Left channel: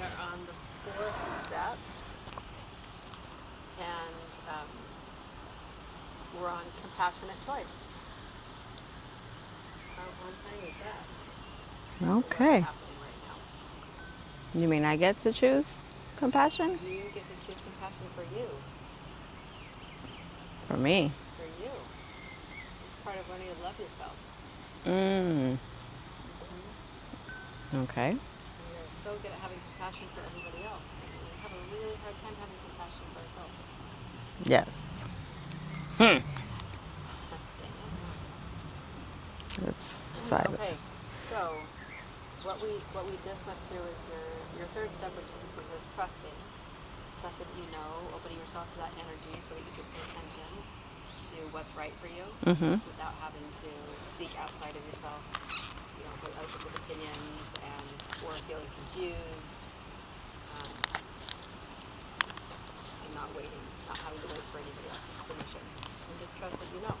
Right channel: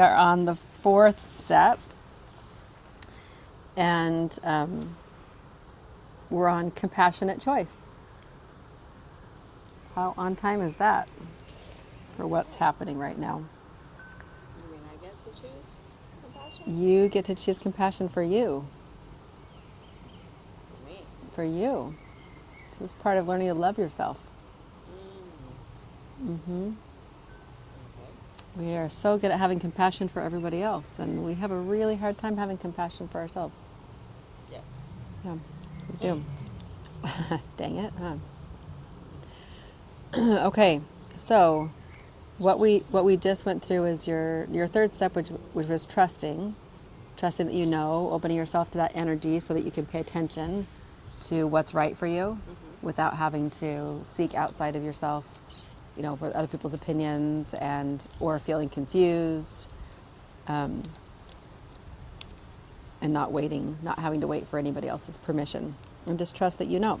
are on the fourth step, and we're on compassionate choice. How on time is that for what's happening right now? You mean I get to choose compassion? You get to choose compassion for you. For me. For you. This is part of learning to love yourself. Okay. We are so good at having compassion for everybody else, and we have a really hard time having compassion for ourselves. Yes. Dang it. It's Okay, so what we just went through is your third step, which was trusting that you know, opening yourself to that energy so that you can pay attention to what's right for you without having to seek outside of yourself, you know, with other people's opinions or feeling confused, and not having to wait for anybody else's permission, and just trust that you know,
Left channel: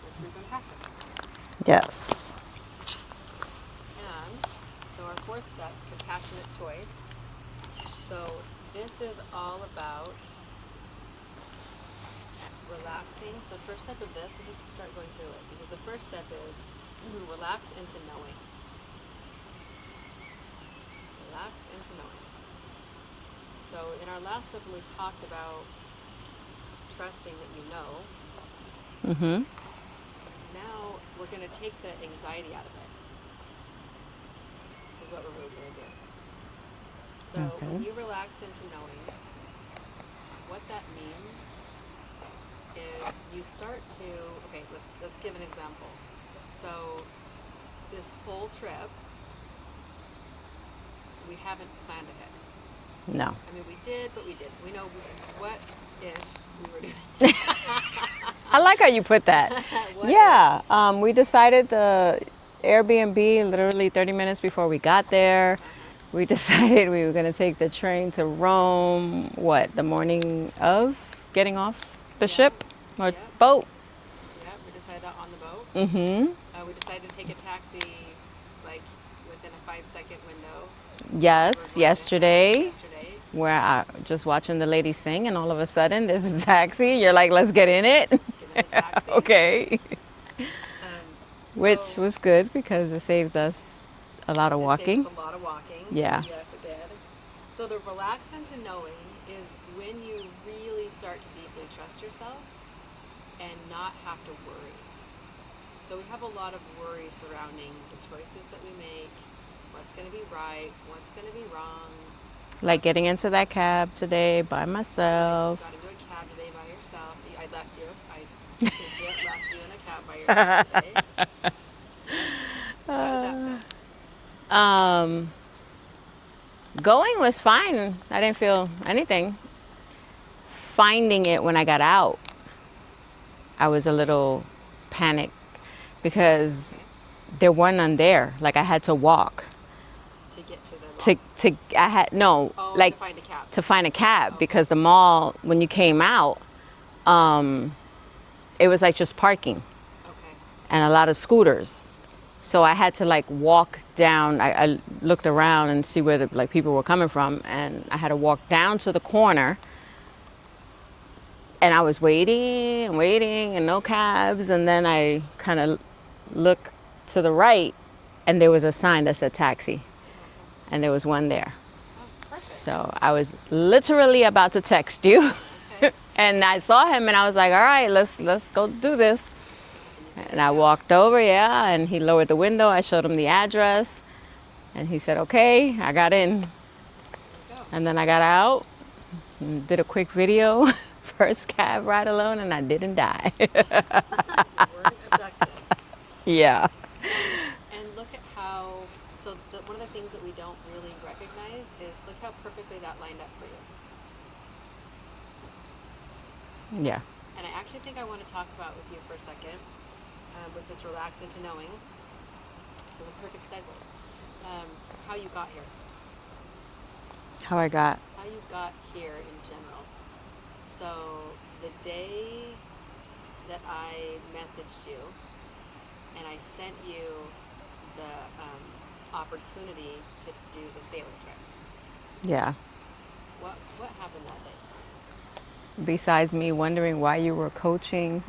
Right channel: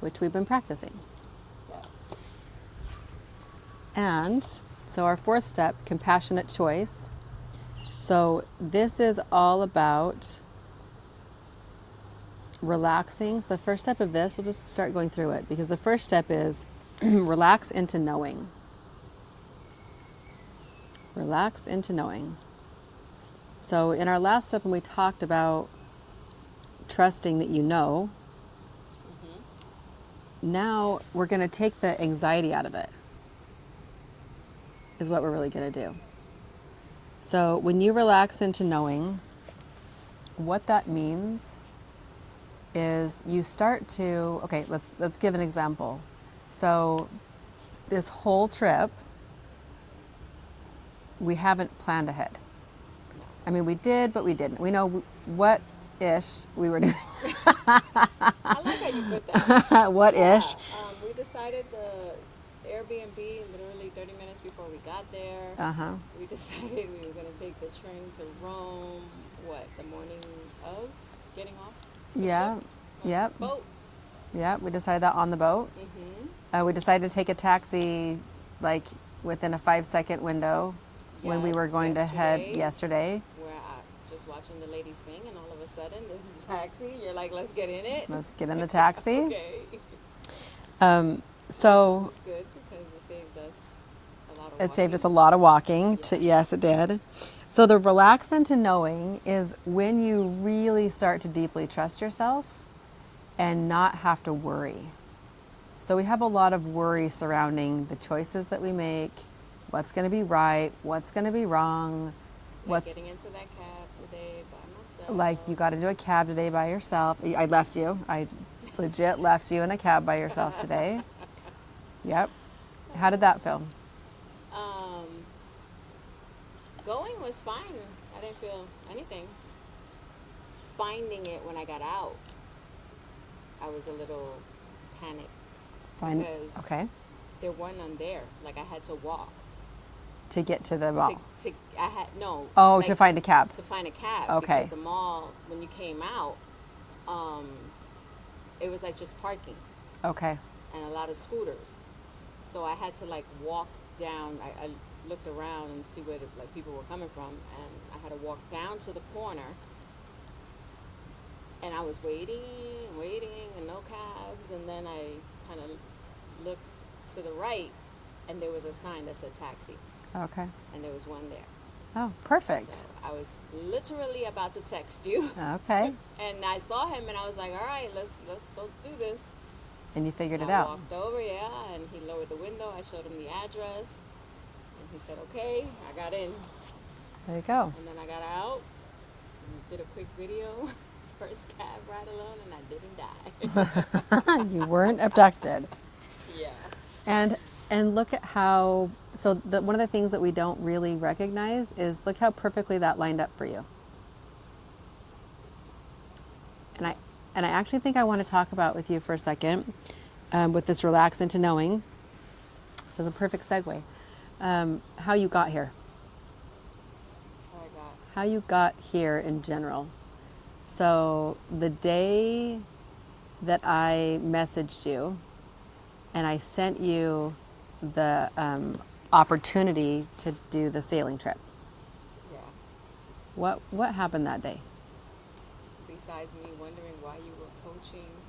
which we've been practicing. Yes. And so our fourth step, compassionate choice. So this is all about relaxing. So the first step of this, we'll just start going through it, because the first step is relax into knowing. Relax into knowing. So in our last step, when we talked about trusting that you know, now we're going to take the anxiety out of it, is what we're really going to do. So when you relax into knowing, what that means is you start to, okay, let's give an example. So this whole trip, we haven't planned ahead. No. I mean, we did, but we didn't. We know what-ish we were doing. I like how you put that. What-ish. We decided the Airbnb literally 30 minutes before we got there. We decided we were going to take the train to Rome, the morning of getting off the ship or boat? Yeah, we decided that on the boat. We decided to take a taxi like within a 5-second window. Yes, we were going yesterday. Where I just watching the lady sing, and all of a sudden there's a taxi. You're like, let's get in it. Let's get in the taxi. Okay. Which was good because it saved us a lot of walking. It saved us a lot of walking. Yeah. Yes, it did. So the relax into knowing is when you really start to deeply trust yourself and not have to worry. So we have a lot of worry surrounding the choices that we make, what's going to be right, what's going to be wrong. Like getting into that cab today by myself. Like you got into a cab today by yourself. I left you. I legit left you in a cab by yourself today. Yep. How did that feel? Going was fine. I didn't feel anything. Finding it when I got out, I was a little panicked because there wasn't none there. Like I had to walk. To get to the mall? To find a cab. To find a cab because the mall, when you came out, it was like just parking. Okay. And a lot of scooters. So I had to like walk down. I looked around and see where the people were coming from, and I had to walk down to the corner. And I was waiting and no cabs, and then I kind of looked to the right, and there was a sign that said taxi. Okay. And there was one there. Oh, perfect. So I was literally about to text you. Okay. And I saw him, and I was like, all right, let's go do this. And you figured and it out. I walked over, and he lowered the window. I showed him the address, and he said, okay, I got in. There you go. And then I got out and did a quick video, first cab ride alone, and I didn't die. You weren't abducted. Yeah. And look at how, one of the things that we don't really recognize is look how perfectly that lined up for you. And I actually think I want to talk about with you for a second, with this relax into knowing. This is a perfect segue. How you got here. How you got here in general. So the day that I messaged you and I sent you the opportunity to do the sailing trip. Yeah. What happened that day? Besides me wondering why you were coaching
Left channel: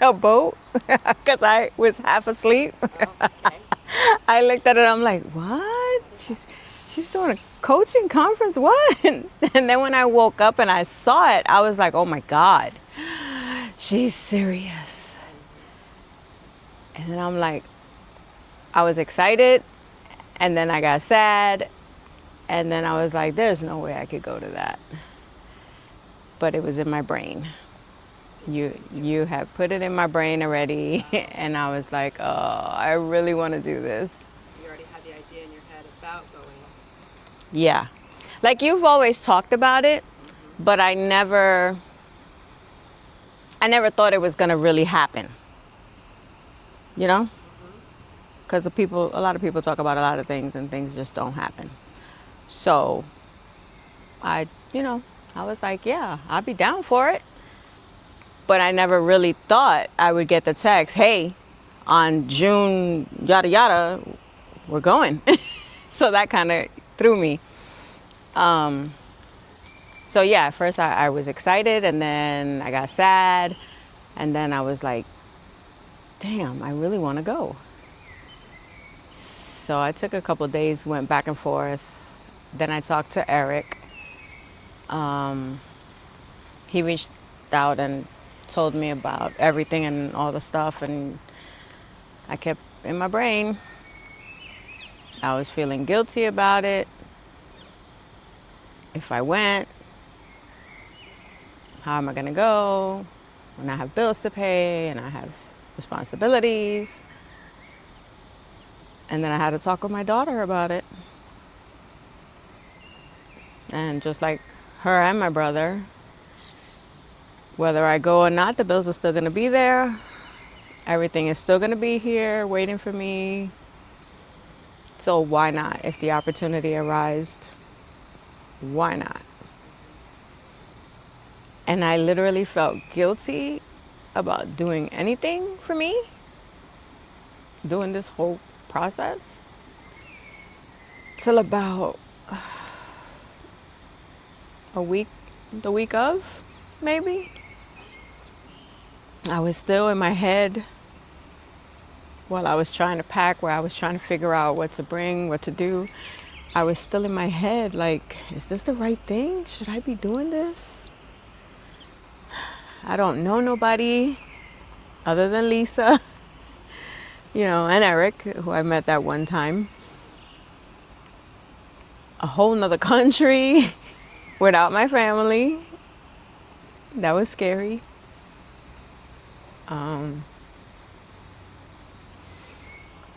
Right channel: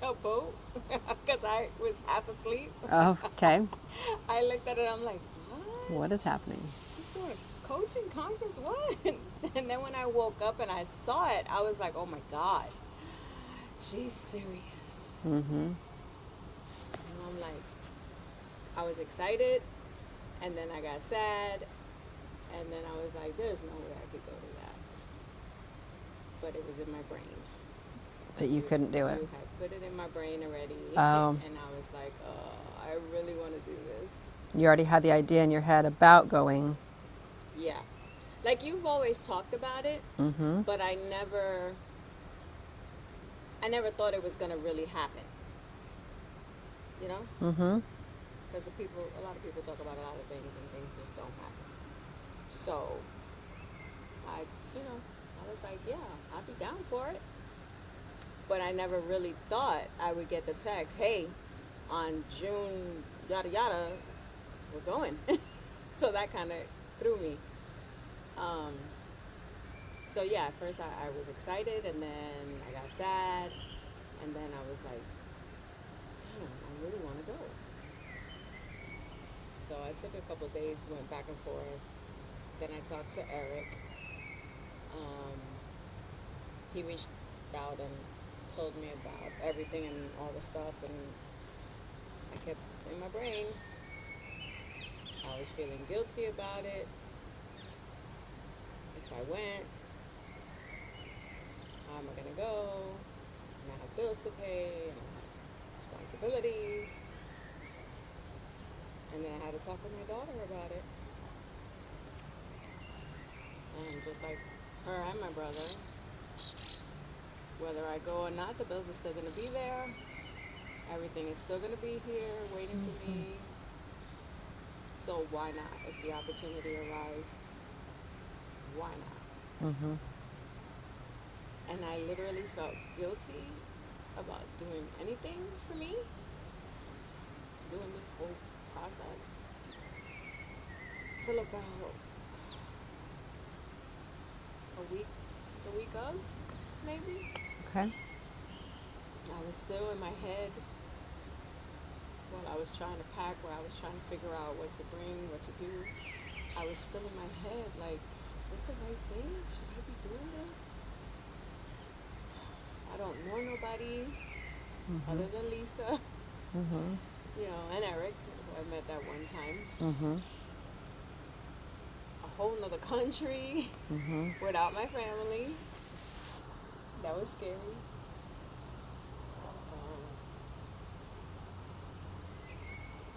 a boat, because I was half asleep. Oh, okay. I looked at it, I'm like, what? What is happening? She's doing a coaching conference, what? And then when I woke up and I saw it, I was like, oh my God, she's serious. And then I'm like, I was excited, and then I got sad, and then I was like, there's no way I could go to that. But it was in my brain. That you couldn't do You it. have put it in my brain already, Oh. and I was like, oh, I really want to do this. You already had the idea in your head about going. Yeah. Like you've always talked about it, but I never thought it was going to really happen. You know? Because a lot of people talk about a lot of things and things just don't happen. So I was like, yeah, I'll be down for it. But I never really thought I would get the text, hey, on June, yada, yada, we're going. So that kind of threw me. So yeah, at first I was excited, and then I got sad, and then I was like, damn, I really want to go. So I took a couple of days, went back and forth. Then I talked to Eric. He reached out and told me about everything and all the stuff, and I kept in my brain. I was feeling guilty about it. If I went, how am I going to go when I have bills to pay and I have responsibilities? And then I had to talk with my daughter about it. And just like her and my brother, whether I go or not, the bills are still going to be there. Everything is still going to be here waiting for me. So why not? If the opportunity arose, why not? And I literally felt guilty about doing anything for me, doing this whole process, till about a week, the week of, maybe. Okay. I was still in my head while I was trying to pack, where I was trying to figure out what to bring, what to do. I was still in my head like, is this the right thing? Should I be doing this? I don't know nobody other than Lisa, and Eric, who I met that one time. A whole nother country without my family. That was scary.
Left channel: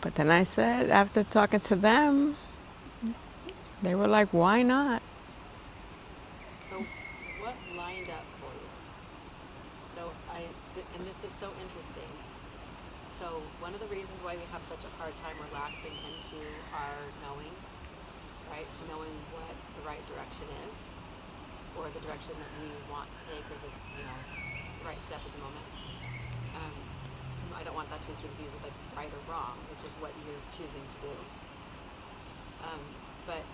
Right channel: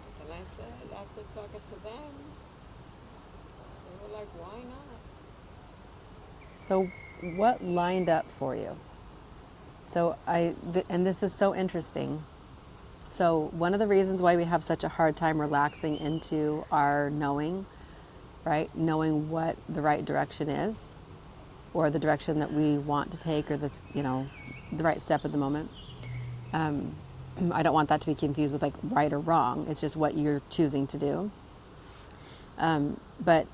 But then I said, after talking to them, they were like, why not? So what lined up for you? So and this is so interesting. So one of the reasons why we have such a hard time relaxing into our knowing, right? Knowing what the right direction is, or the direction that we want to take, or that's, the right step at the moment. I don't want that to be confused with like right or wrong. It's just what you're choosing to do. But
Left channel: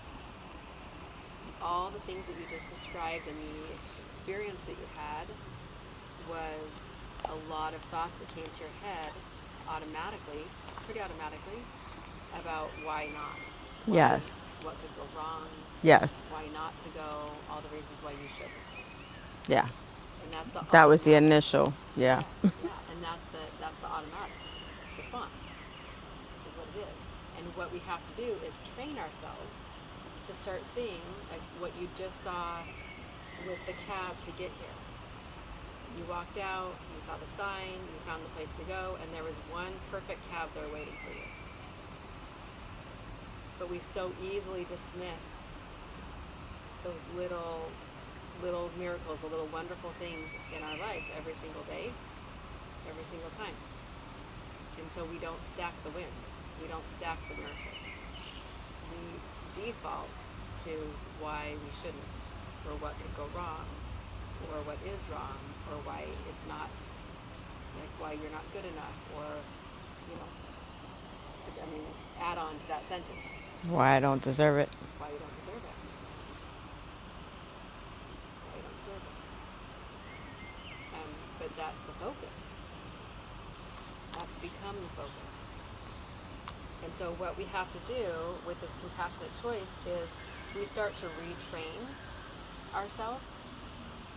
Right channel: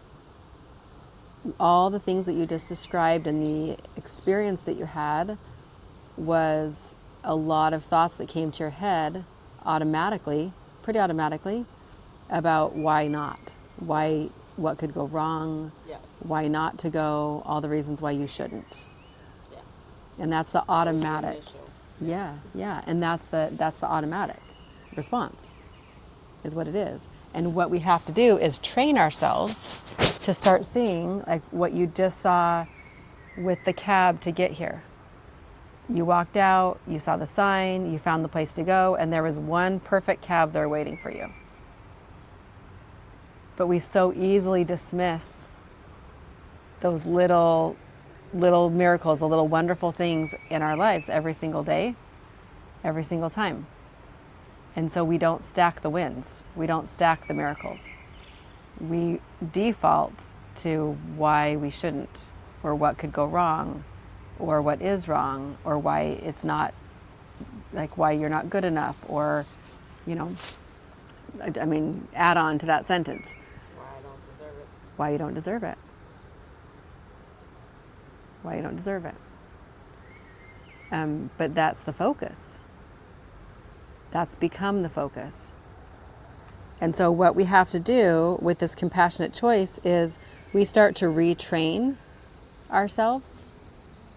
all the things that you just described and the experience that you had was a lot of thoughts that came to your head pretty automatically, about why not, Yes. what could go wrong, Yes. why not to go, all the reasons why you shouldn't. Yeah. And that's the automatic. That was the initial. Yeah. Yeah. And that's the automatic response, is what it is. And what we have to do is train ourselves to start seeing, like what you just saw with the cab to get here. You walked out, you saw the sign, you found the place to go, and there was one perfect cab there waiting for you. But we so easily dismiss those little miracles, the little wonderful things in our lives every single day, every single time. And so we don't stack the wins. We don't stack the miracles. We default to why we shouldn't, or what could go wrong, or what is wrong, or why it's not, like why you're not good enough, or, I mean, add on to that sentence. Why I don't deserve it. Why you don't deserve it. Why you don't deserve it. But that's the focus. That's become the focus. And so what we have to do with this compassionate choice is we start to retrain ourselves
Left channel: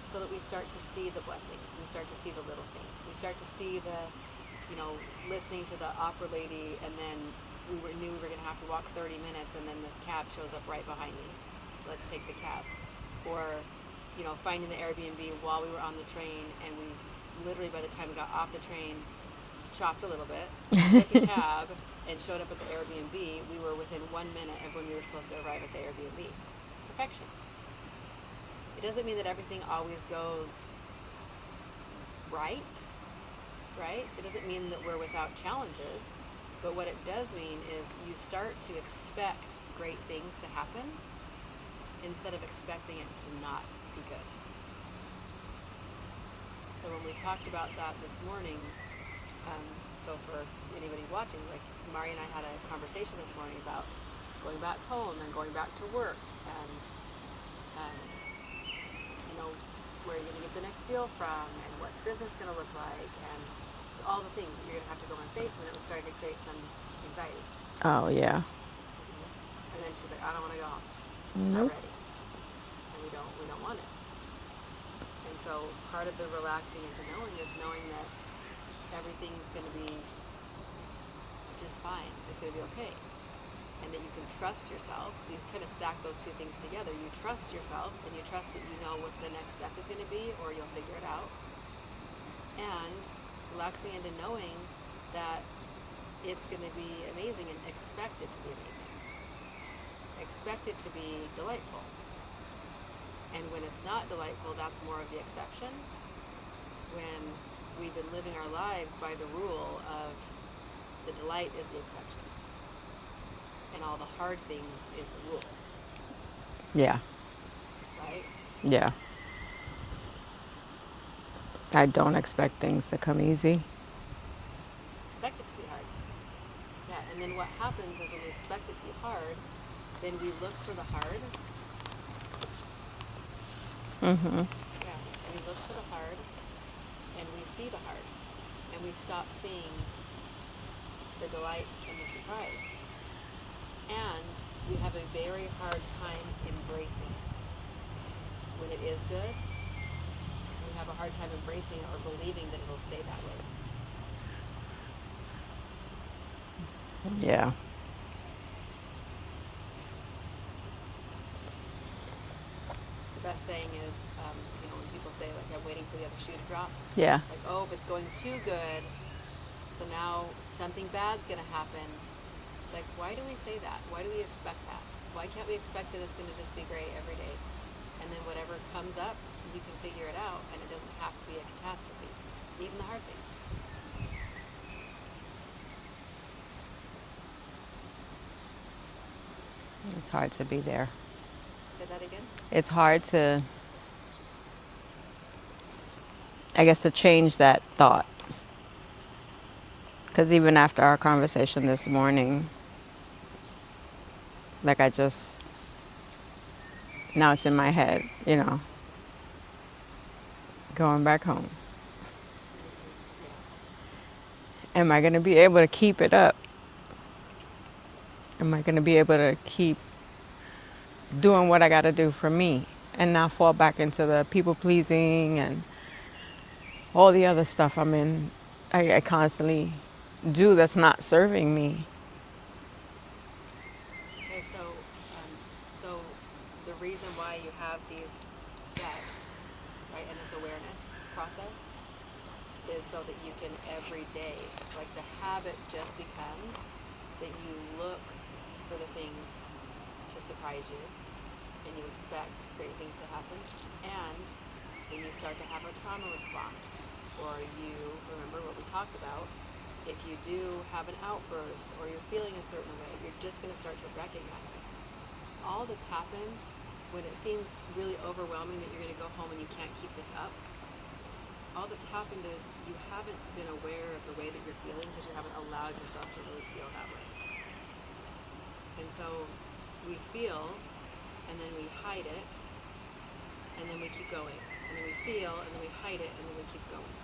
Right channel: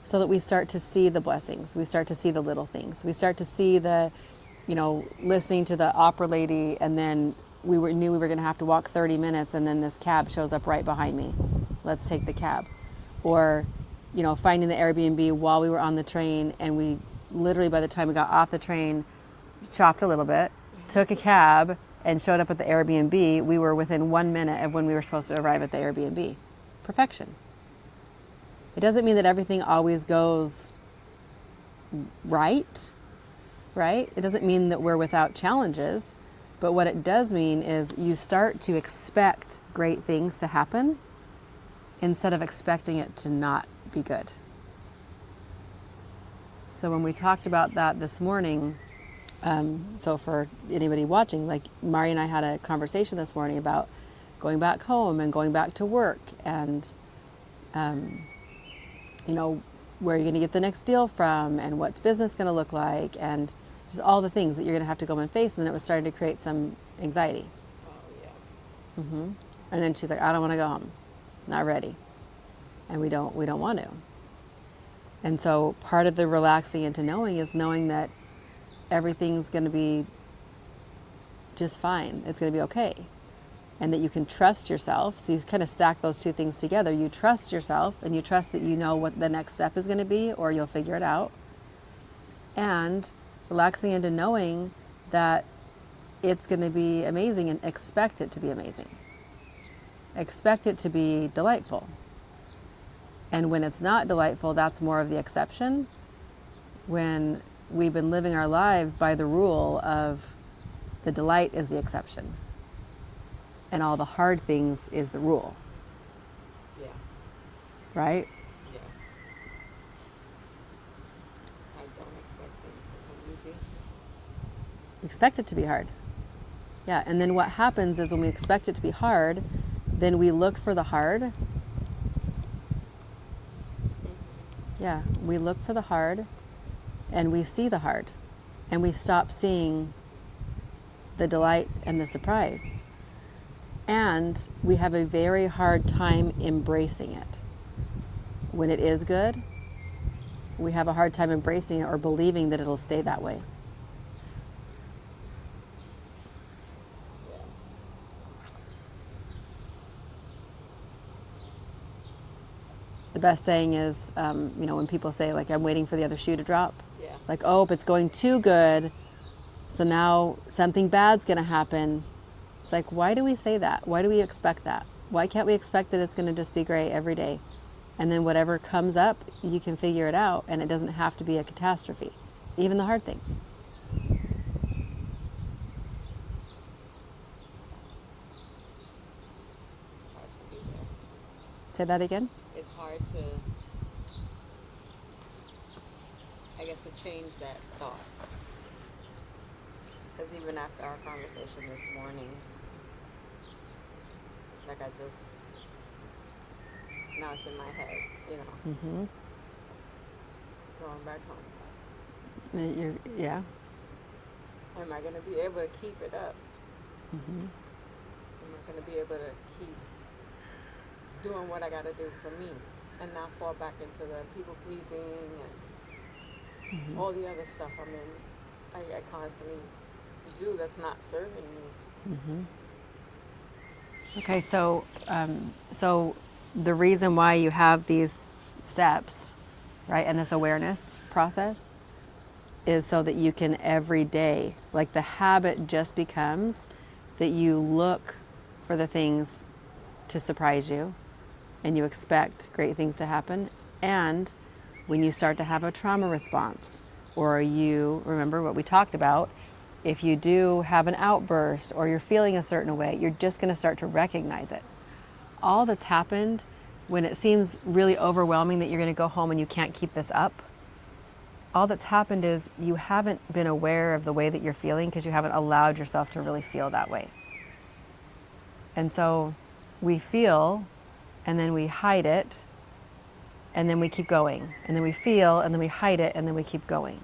so that we start to see the blessings. We start to see the little things. We start to see the, listening to the opera lady, and then knew we were going to have to walk 30 minutes, and then this cab shows up right behind me. Let's take the cab. Or, finding the Airbnb while we were on the train, and we literally, by the time we got off the train, chopped a little bit, took a cab, and showed up at the Airbnb. We were within 1 minute of when we were supposed to arrive at the Airbnb. Perfection. It doesn't mean that everything always goes right? It doesn't mean that we're without challenges, but what it does mean is you start to expect great things to happen instead of expecting it to not be good. So when we talked about that this morning, so for anybody watching, like Mari and I had a conversation this morning about going back home and going back to work, and where you're going to get the next deal from, and what's business going to look like, and just all the things that you're going to have to go and face. And then it was starting to create some anxiety. Oh, yeah. And then she's like, I don't want to go home. Not ready. And we don't want to. And so part of the relaxing into knowing is knowing that everything's going to be just fine. It's going to be okay. And that you can trust yourself. So you kind of stack those two things together. You trust yourself, and you trust that you know what the next step is going to be, or you'll figure it out. And relaxing into knowing that it's going to be amazing, and expect it to be amazing. Expect it to be delightful. And when it's not delightful, that's more of the exception. When we've been living our lives by the rule of the delight is the exception, and all the hard things is the rule. Yeah. Right? Yeah. I don't expect things to come easy. Expect it to be hard. Yeah, and then what happens is when we expect it to be hard, then we look for the hard. Yeah, we look for the hard, and we see the hard, and we stop seeing the delight and the surprise. And we have a very hard time embracing it. When it is good, we have a hard time embracing it or believing that it'll stay that way. Yeah. The best saying is, when people say, like, I'm waiting for the other shoe to drop. Yeah. Like, oh, if it's going too good, so now something bad's going to happen. It's like, why do we say that? Why do we expect that? Why can't we expect that it's going to just be great every day? And then whatever comes up, you can figure it out, and it doesn't have to be a catastrophe, even the hard things. It's hard to be there. Say that again? It's hard to, I guess, to change that thought. Because even after our conversation this morning, like now it's in my head, going back home. Yeah. Am I going to be able to keep it up? Am I going to be able to keep doing what I got to do for me and not fall back into the people pleasing and all the other stuff I constantly do that's not serving me? Okay, so the reason why you have these steps, right, and this awareness process is so that you can every day, like the habit just becomes that you look for the things to surprise you, and you expect great things to happen. And when you start to have a trauma response, or you remember what we talked about, if you do have an outburst or you're feeling a certain way, you're just going to start to recognize it. All that's happened when it seems really overwhelming that you're going to go home and you can't keep this up, all that's happened is you haven't been aware of the way that you're feeling because you haven't allowed yourself to really feel that way. And so we feel, and then we hide it, and then we keep going. And then we feel, and then we hide it, and then we keep going.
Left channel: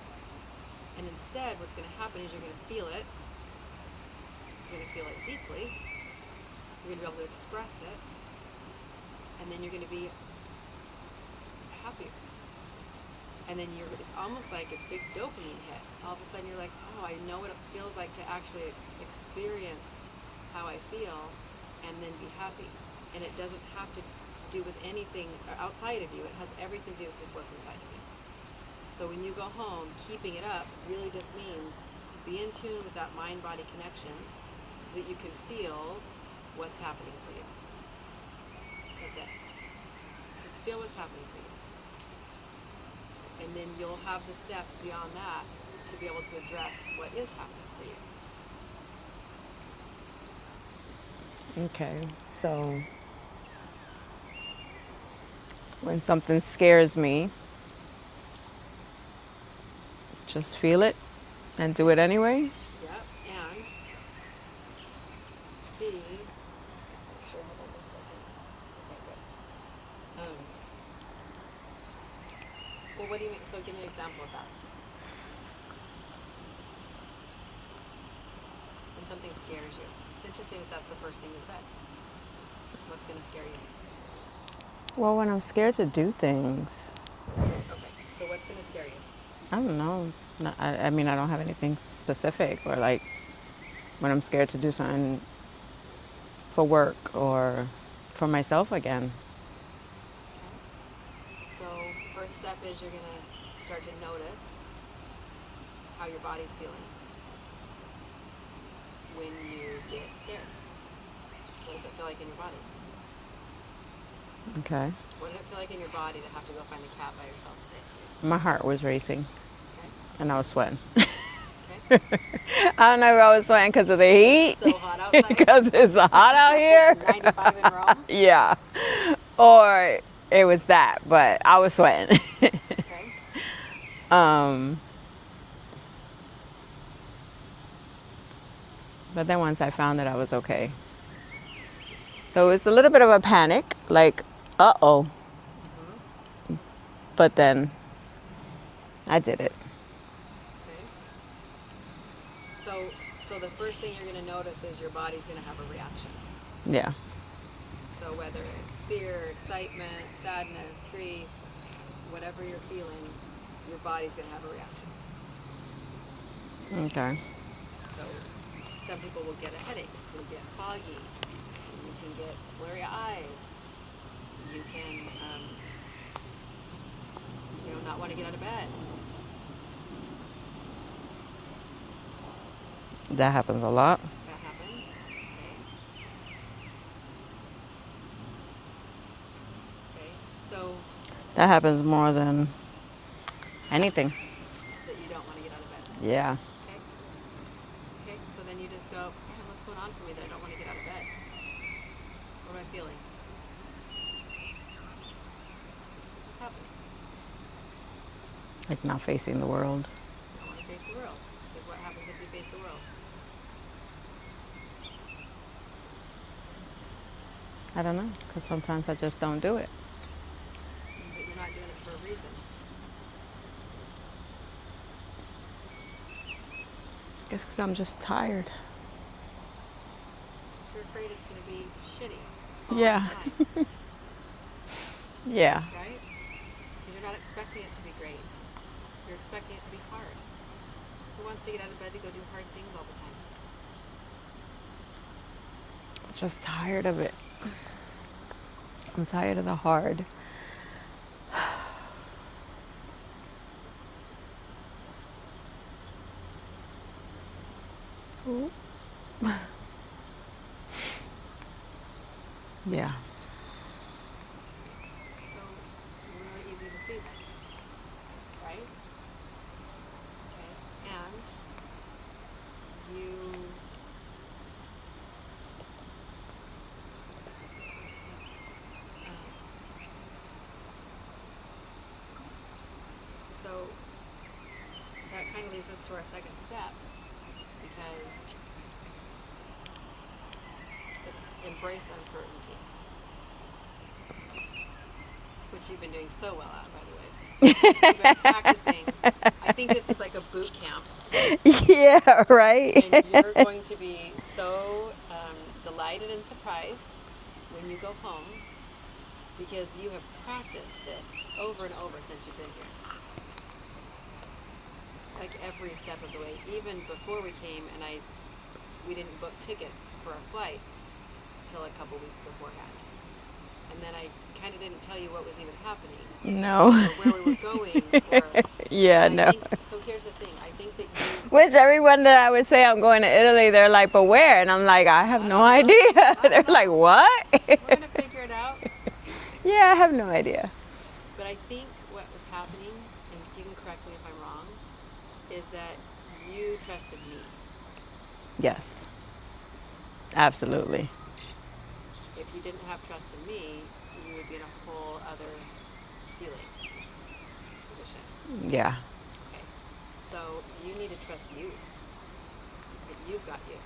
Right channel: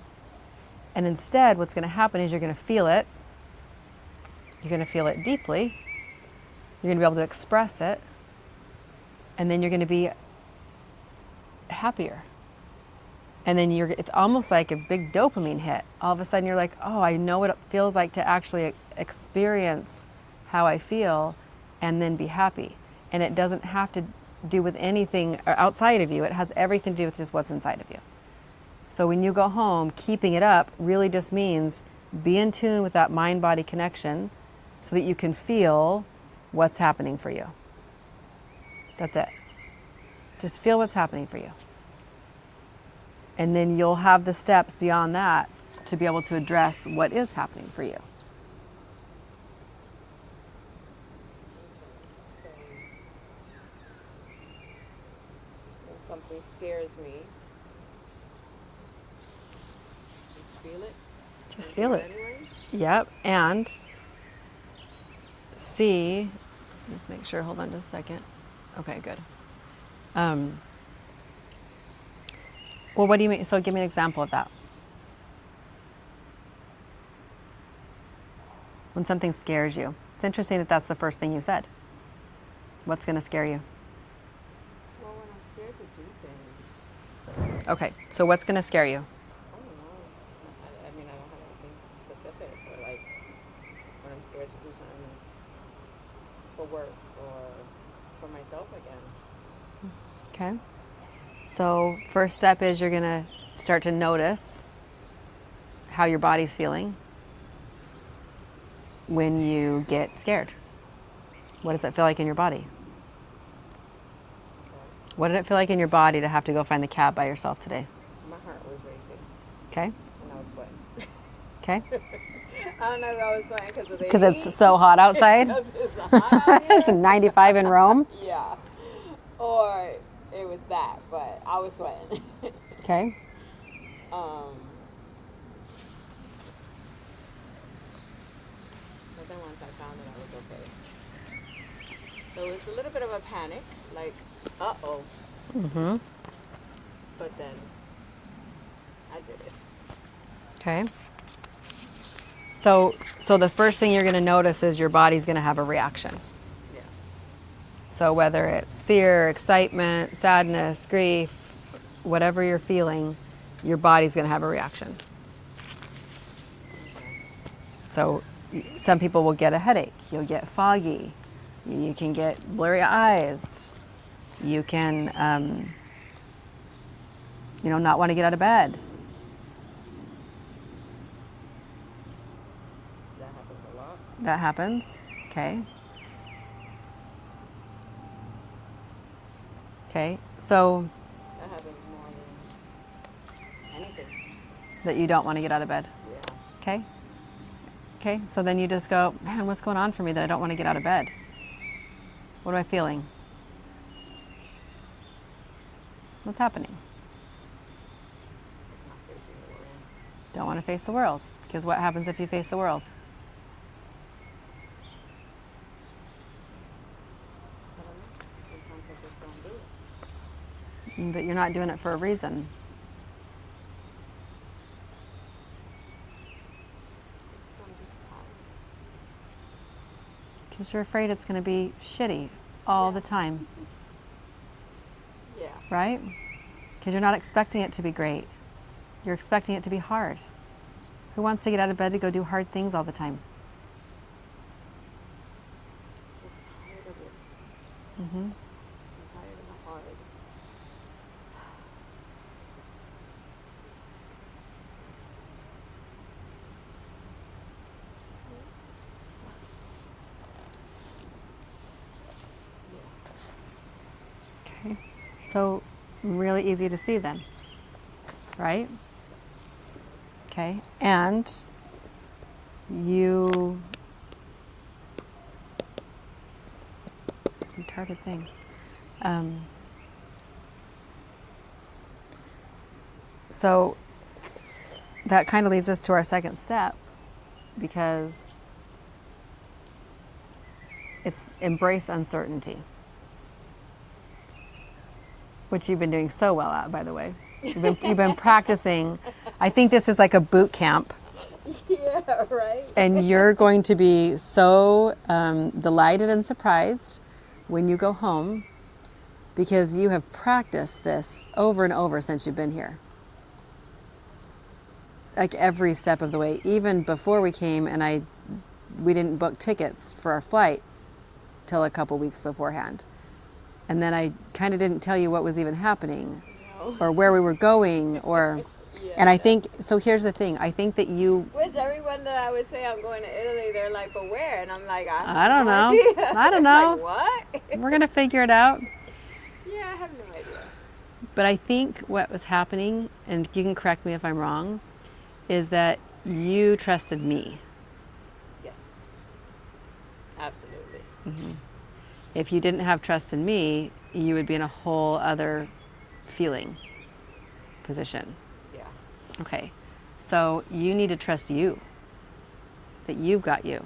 And instead, what's going to happen is you're going to feel it. You're going to feel it deeply. You're going to be able to express it. And then you're going to be happier. And then it's almost like a big dopamine hit. All of a sudden you're like, oh, I know what it feels like to actually experience how I feel and then be happy. And it doesn't have to do with anything outside of you. It has everything to do with just what's inside of you. So when you go home, keeping it up really just means be in tune with that mind-body connection so that you can feel what's happening for you. That's it. Just feel what's happening for you. And then you'll have the steps beyond that to be able to address what is happening for you. Okay, so when something scares me, just feel it and do it anyway? Yep, and see, just make sure, hold on just a second. Okay, good. Well, what do you mean? So give me an example of that. When something scares you. It's interesting that that's the first thing you said. What's going to scare you? Well, when I'm scared to do things. Okay, so what's going to scare you? I don't know. I mean, I don't have anything specific, or like when I'm scared to do something for work or for myself again. Okay. So first step is you're going to start to notice how your body's feeling when you get scared. What does it feel like in your body? Okay. What did it feel like in your body to have to go find the cab by yourself today? My heart was racing. Okay. And I was sweating. Okay. I don't know if I was sweating because of the heat. Because it's so hot outside. Because it's hot out It's here. 95 in Rome. Yeah. Or it was that, but I was sweating. Okay. But then once I found that I was okay. So it's a little bit of a panic, like, uh-oh. Mm-hmm. But then I did it. Okay. So the first thing you're going to notice is your body's going to have a reaction. Yeah. So whether it's fear, excitement, sadness, grief, whatever you're feeling, your body's going to have a reaction. Okay. So some people will get a headache. You'll get foggy. You can get blurry eyes. You can, not want to get out of bed. That happens a lot. That happens. Okay. Okay. So That happens more than anything. that you don't want to get out of bed. Yeah. Okay. Okay. So then you just go, man, what's going on for me that I don't want to get out of bed? What am I feeling? What's happening? Like not facing the world. Don't want to face the world. Because what happens if you face the world? I don't know, because sometimes I just don't do it. But you're not doing it for a reason. I guess because I'm just tired. Because you're afraid it's going to be shitty all Yeah. the time, Yeah. right? Because you're not expecting it to be great. You're expecting it to be hard. Who wants to get out of bed to go do hard things all the time? Just tired of it. Mm-hmm. I'm tired of the hard. Yeah. Okay. So really easy to see then, right? Okay. And you retarded thing. So that kind of leads us to our second step, because it's embrace uncertainty, which you've been doing so well at, by the way. You've been practicing. I think this is like a boot camp, Yeah, right. and you're going to be so delighted and surprised when you go home, because you have practiced this over and over since you've been here. Like every step of the way, even before we came, and we didn't book tickets for our flight till a couple weeks beforehand. And then I kind of didn't tell you what was even happening. No. Or where we were going, or Yeah. and I no. think so. Here's the thing. I think that you. Which everyone that I would say I'm going to Italy, they're like, but where? And I'm like, I have no don't know. idea. I don't They're like, know. what? We're gonna figure it out. Yeah, I have no idea. But I think what was happening, and you can correct me if I'm wrong, is that you trusted me. Yes. Absolutely. If you didn't have trust in me, you would be in a whole other feeling position. Yeah. Okay. So you need to trust you, that you've got you.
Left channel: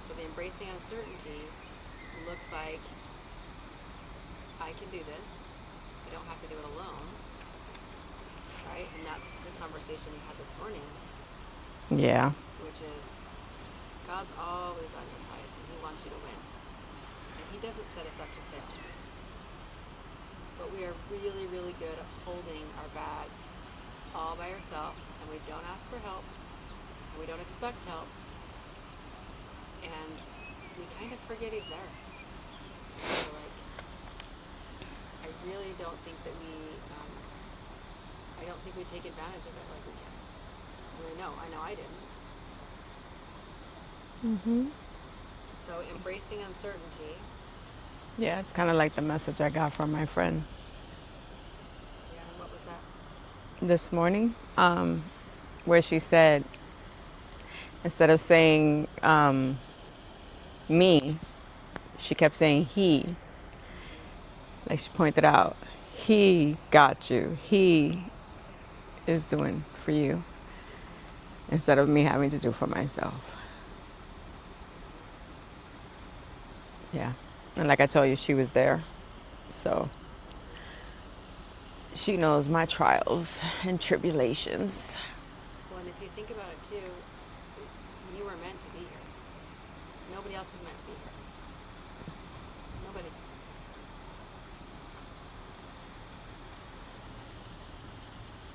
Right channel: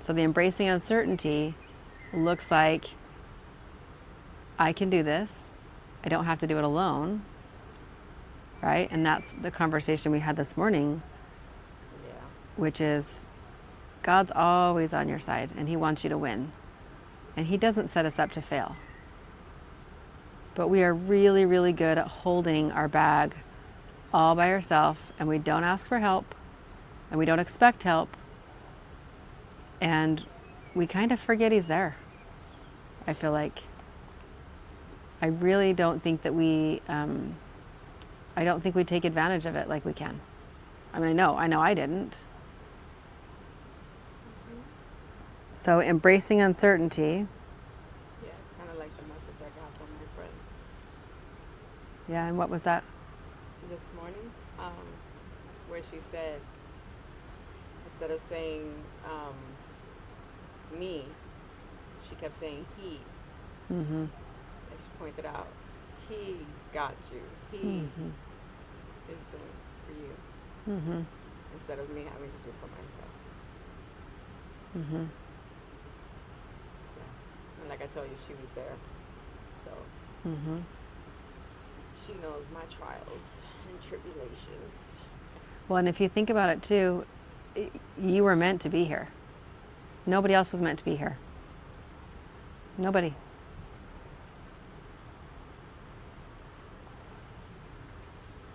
So the embracing uncertainty looks like, I can do this. I don't have to do it alone. Right? And that's the conversation we had this morning, Yeah. which is God's always on your side, and he wants you to win. And he doesn't set us up to fail. But we are really, really good at holding our bag all by ourselves, and we don't ask for help, and we don't expect help, and we kind of forget he's there. I feel like I really don't think that I don't think we take advantage of it like we can. I mean, I know I didn't. So embracing uncertainty. Yeah, it's kind of like the message I got from my friend Yeah, and what was that? this morning, where she said, instead of saying me, she kept saying he. Like she pointed out, he got you. He is doing for you, instead of me having to do for myself. Yeah. And like I told you, she was there. So she knows my trials and tribulations. Well, and if you think about it too, you were meant to be here. Nobody else was meant to be here. Nobody.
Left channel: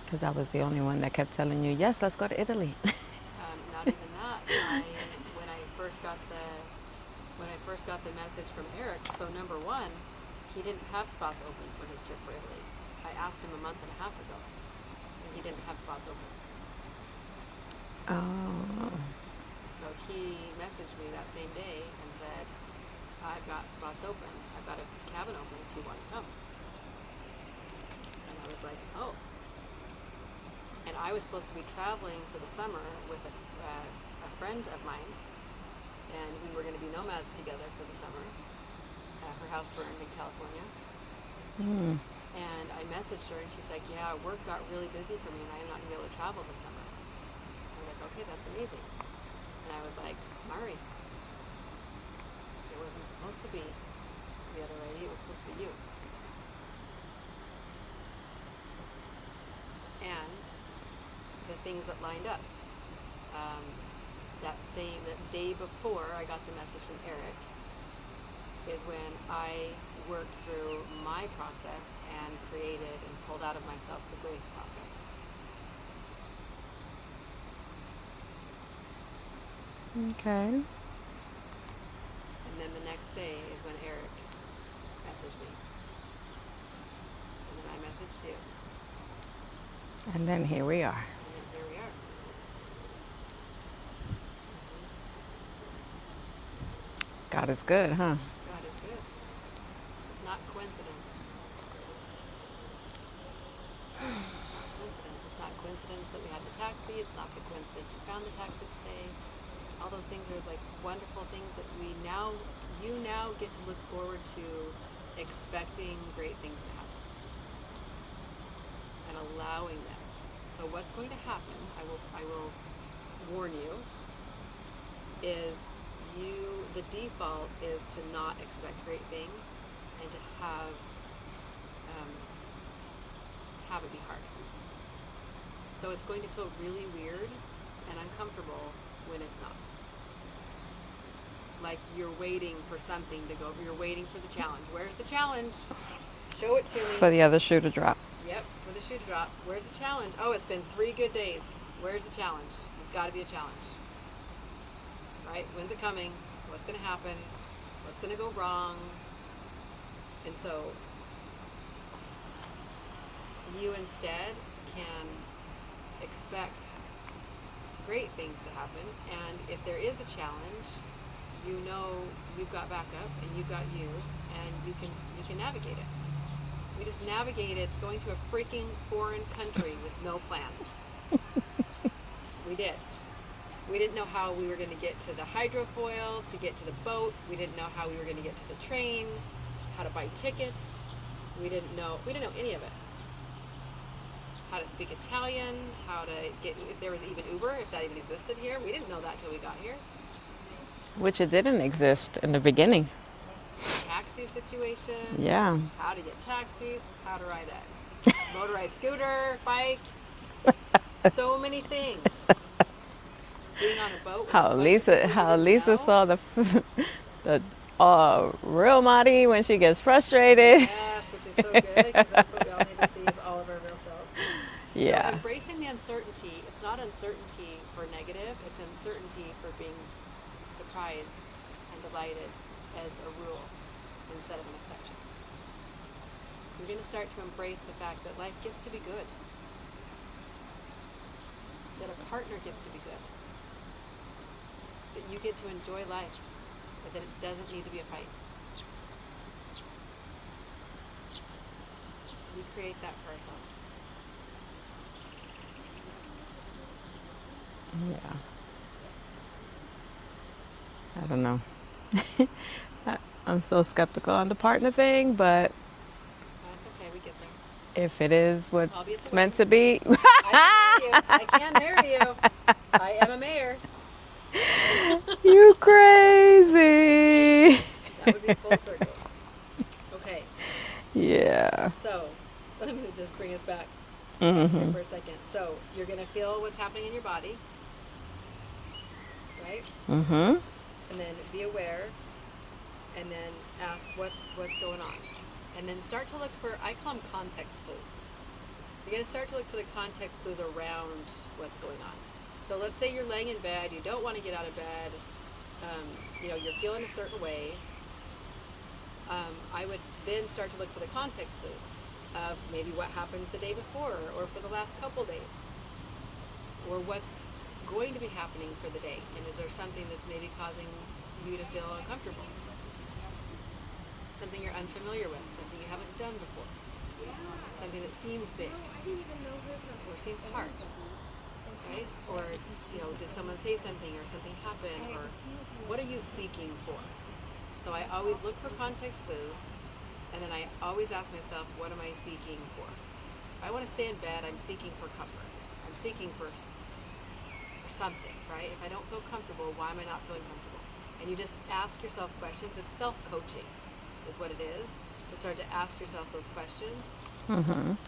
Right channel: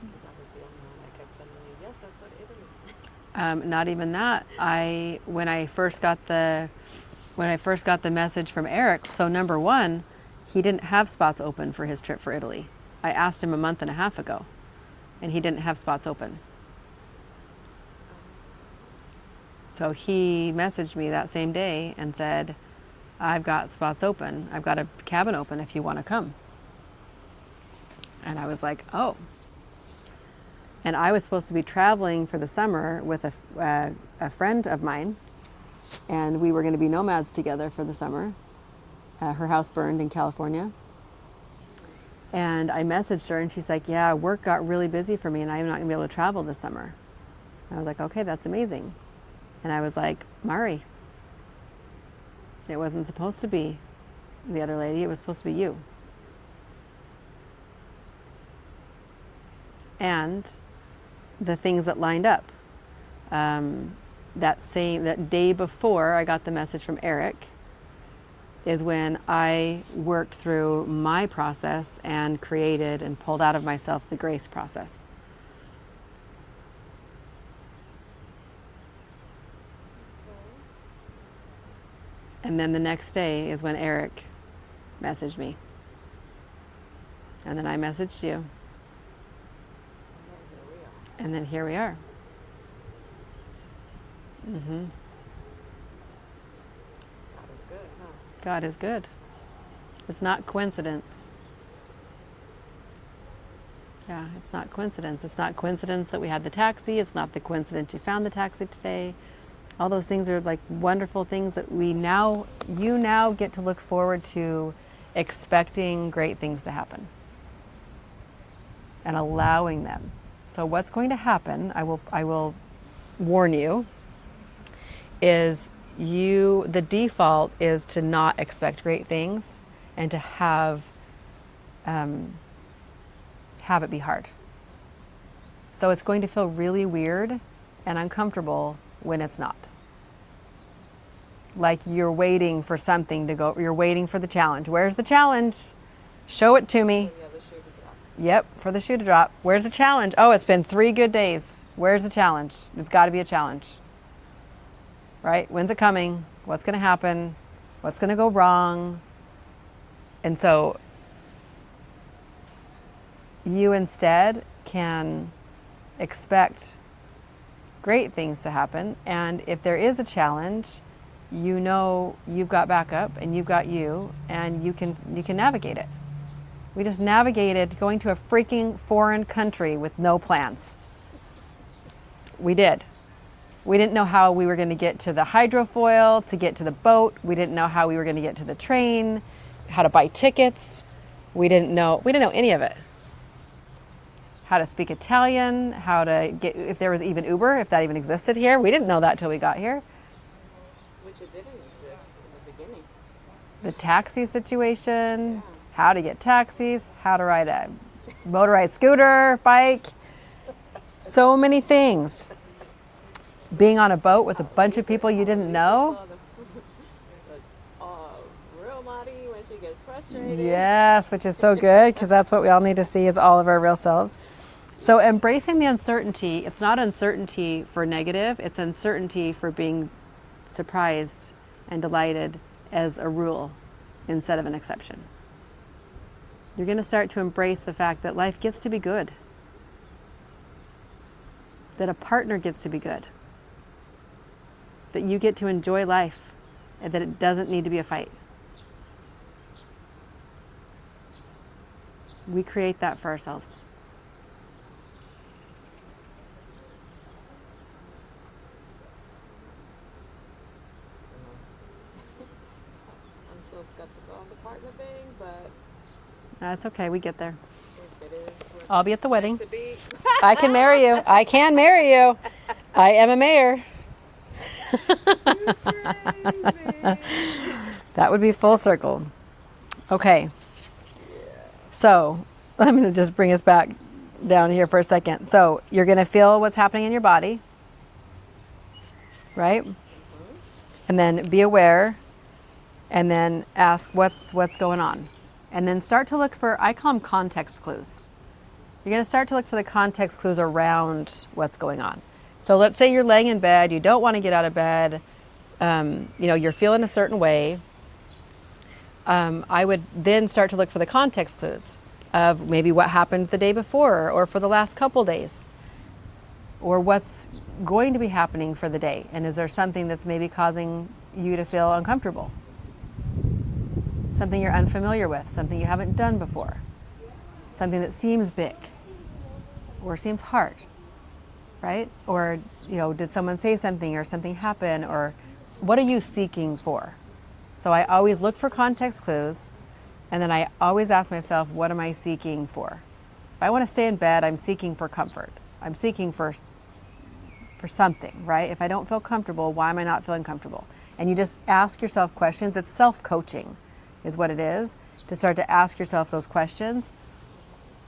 Because I was the only one that kept telling you, yes, let's go to Italy. Not even that. When I first got the message from Eric, so number one, he didn't have spots open for his trip for Italy. I asked him a month and a half ago, and he didn't have spots open. Oh. So he messaged me that same day and said, I've got spots open. I've got a cabin open if you want to come. And I was like, oh. And I was supposed to be traveling for the summer with a friend of mine, and we were going to be nomads together for the summer. Her house burned in California. And I messaged her, and she's like, yeah, work got really busy for me, and I'm not going to be able to travel this summer. And I was like, okay, that's amazing. And I was like, Mari, it wasn't supposed to be the other lady. It was supposed to be you. And the things that lined up. That day before I got the message from Eric is when I worked through my process and created and pulled out of myself the grace process. Okay. And then the next day is when Eric messaged me. And then I messaged you. And then here we are. And then here we are. God is good, huh? God is good. It's not coincidence. Yeah, it's not coincidence. It's not coincidence that we had the taxi. It's not the coincidence you found the taxi today. All those things are like wonderful things that you now get to look forward to, expecting great things to happen and allowing them. So what's going to happen, I will warn you, is the default is to not expect great things and to have it be hard. So it's going to feel really weird and uncomfortable when it's not. Like you're waiting for something to go, you're waiting for the challenge. Where's the challenge? Show it to me. For the other shoe to drop. Yep, for the shoe to drop. Where's the challenge? Oh, it's been 3 good days. Where's the challenge? It's got to be a challenge. Right? When's it coming? What's going to happen? What's going to go wrong? And so you instead can expect great things to happen. And if there is a challenge, you know you've got backup and you've got you, and you can navigate it. We just navigated going to a freaking foreign country with no plans. We did. We didn't know how we were going to get to the hydrofoil, to get to the boat. We didn't know how we were going to get to the train, how to buy tickets. We didn't know any of it. How to speak Italian, how to get, if there was even Uber, if that even existed here. We didn't know that till we got here. Which it didn't exist in the beginning. The taxi situation. Yeah. How to get taxis, how to ride a motorized scooter, bike. So many things. Being on a boat with a bunch of people you didn't Lisa know. saw the real Marty when she gets frustrated. Yes, which is so good, because that's what we all need to see, is all of our real selves. Yeah. So embracing the uncertainty, it's not uncertainty for negative, it's uncertainty for being surprised and delighted as a rule instead of an exception. You're going to start to embrace the fact that life gets to be good, that a partner gets to be good, that you get to enjoy life, and that it doesn't need to be a fight. We create that for ourselves. Yeah. I don't know. I'm still skeptical on the partner thing, but That's okay, we get there. if it is what I'll be at the it's wedding. meant to be, I can marry you. I can marry you. I am a mayor. you crazy. That would be full circle. Okay, Yeah. so I'm going to just bring us back down here for a second. So you're going to feel what's happening in your body, right? Mm-hmm. And then be aware, and then ask what's going on. And then start to look for, I call them context clues. You're going to start to look for the context clues around what's going on. So let's say you're laying in bed, you don't want to get out of bed, you're feeling a certain way. I would then start to look for the context clues of maybe what happened the day before or for the last couple days, or what's going to be happening for the day. And is there something that's maybe causing you to feel uncomfortable? Something you're unfamiliar with, something you haven't done before, something that seems big or seems hard, right? Or, did someone say something or something happen, or what are you seeking for? So I always look for context clues, and then I always ask myself, what am I seeking for? If I want to stay in bed, I'm seeking for comfort. I'm seeking for something, right? If I don't feel comfortable, why am I not feeling comfortable? And you just ask yourself questions. It's self-coaching is what it is, to start to ask yourself those questions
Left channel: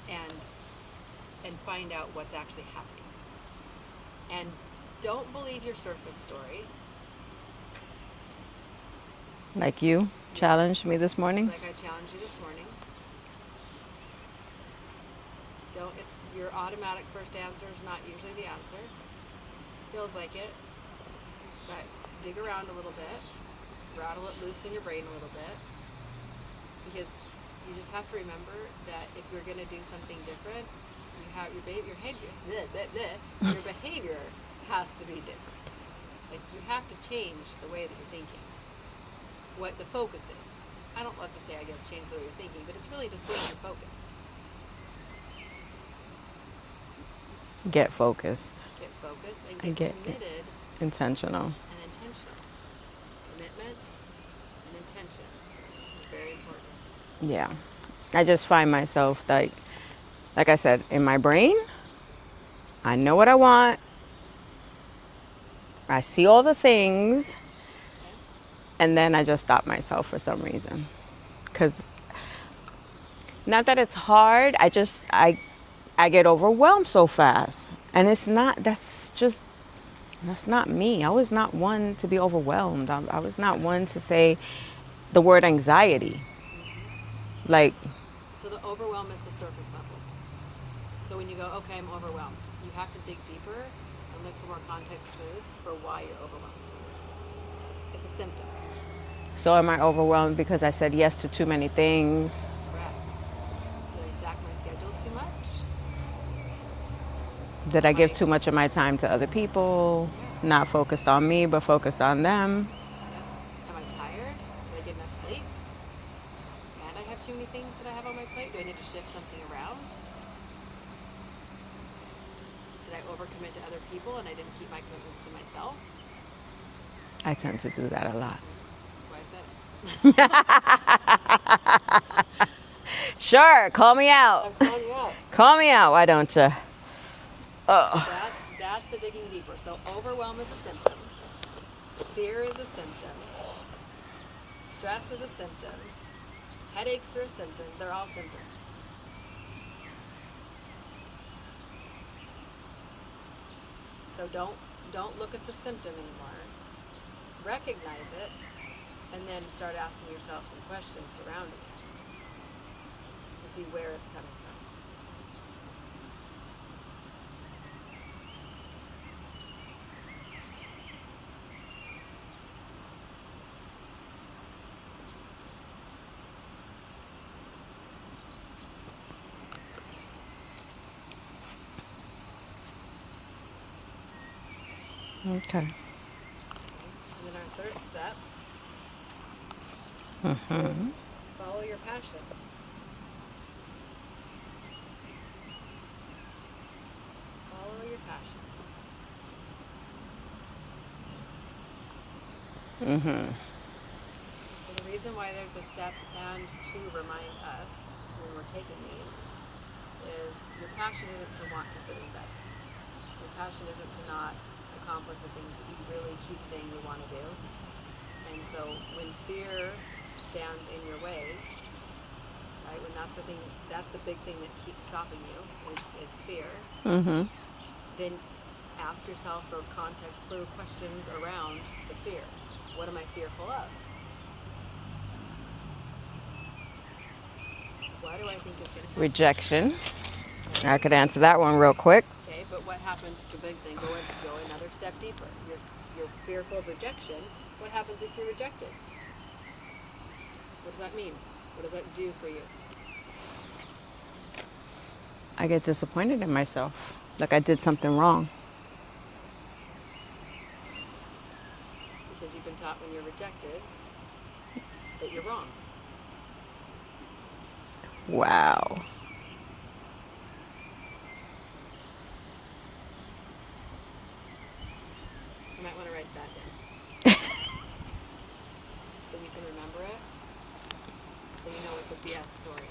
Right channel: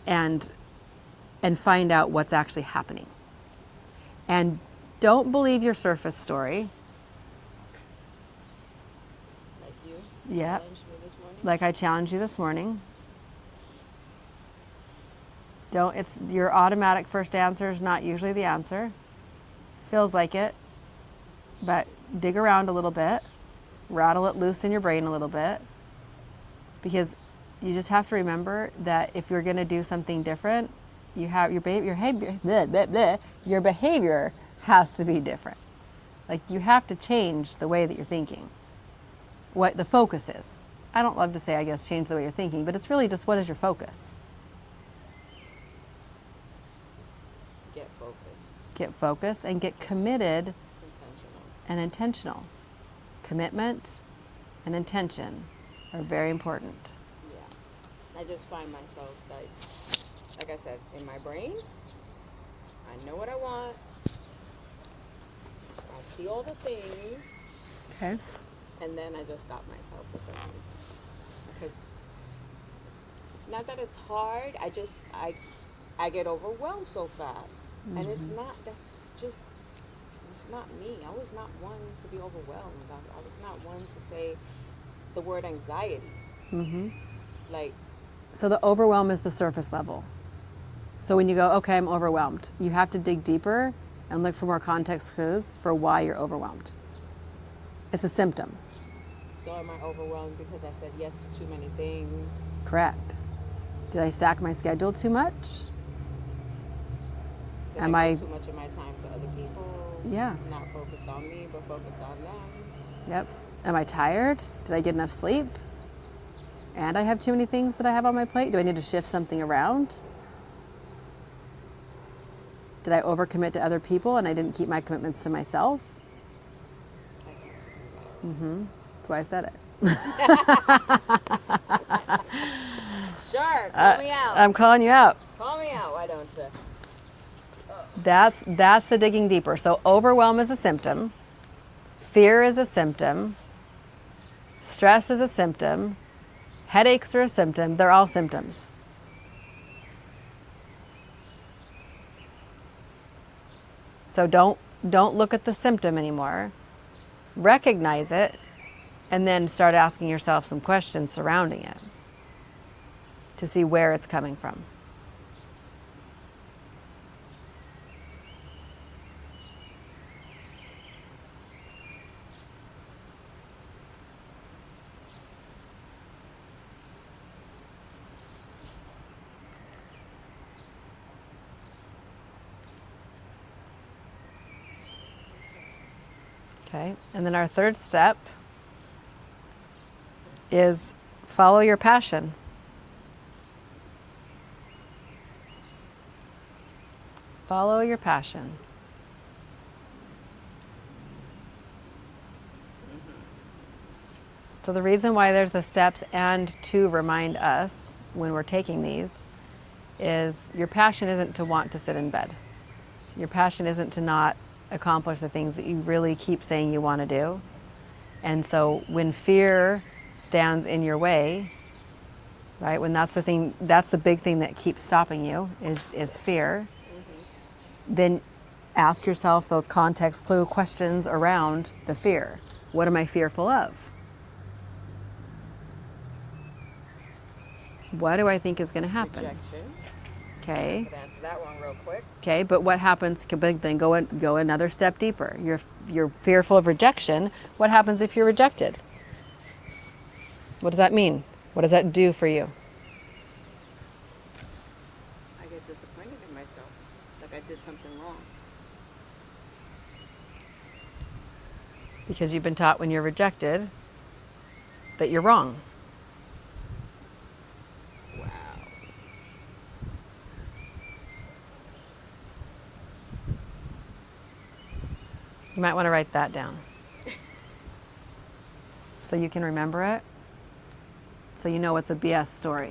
and find out what's actually happening. And don't believe your surface story. Like you challenged me this morning. Like I challenged you this morning. It's your automatic first answer is not usually the answer. Feels like it, but dig around a little bit, rattle it loose in your brain a little bit, because you just have to remember that if you're going to do something different, you have your behavior has to be different. Like you have to change the way that you're thinking. What the focus is. I don't love to say, I guess, change the way you're thinking, but it's really just, what is your focus? Get focused. Get focused and get committed. Intentional. And intentional. Commitment and intention are very important. Yeah. I just find myself like I said, in my brain, I know what I want. I see all the things. Okay. And then I just stop myself for some reason. Because not that it's hard, I get overwhelmed so fast. And it's not, that's not me. I was not one to be overwhelmed. I was not one to say the word anxiety. Like, So the overwhelm is the surface level. So when you go, okay, I'm overwhelmed, you have to dig deeper and look for more context clues for why you're overwhelmed. It's a symptom. so am I overwhelmed because I said yes to too many things? Correct. Did I stack my schedule too much? Did Am I give I- too much of my time to other people? Yeah. Not focused on me, but focused on them? Yep. Am I tired? Did I get enough sleep? And I have too many things that I have on my plate? Do I need to shift something around? Did I overcommit to other people and I didn't keep my commitments to myself? I tend to do that a lot. That's why I said it. Sure, call me out. I'm calling you out. Call me out, why don't you? That's the digging deeper. So overwhelm is a symptom. Fear is a symptom. Stress is a symptom. Headaches are a symptom. They're all symptoms. So don't look at the symptom anymore. Recognize it and then start asking yourself some questions surrounding it to see where it's coming from. Okay. Okay. And then our third step is follow your passion. Follow your passion. So the reason why there's the steps and to remind us when we're taking these is your passion isn't to want to sit in bed. Your passion isn't to not accomplish the things that you really keep saying you want to do. And so when fear stands in your way, right, when that's the thing, that's the big thing that keeps stopping you is fear, then ask yourself those context clue questions around the fear. What am I fearful of? What do I think is going to happen? Rejection. Okay. I could answer that one real quick. Okay, but what happens? Then go another step deeper. You're fearful of rejection. What happens if you're rejected? What does that mean? What does that do for you? I get disappointed in myself, like I did something wrong. Because you've been taught when you're rejected that you're wrong. Wow. You might want to write that down. So you can remember it. So you know it's a BS story.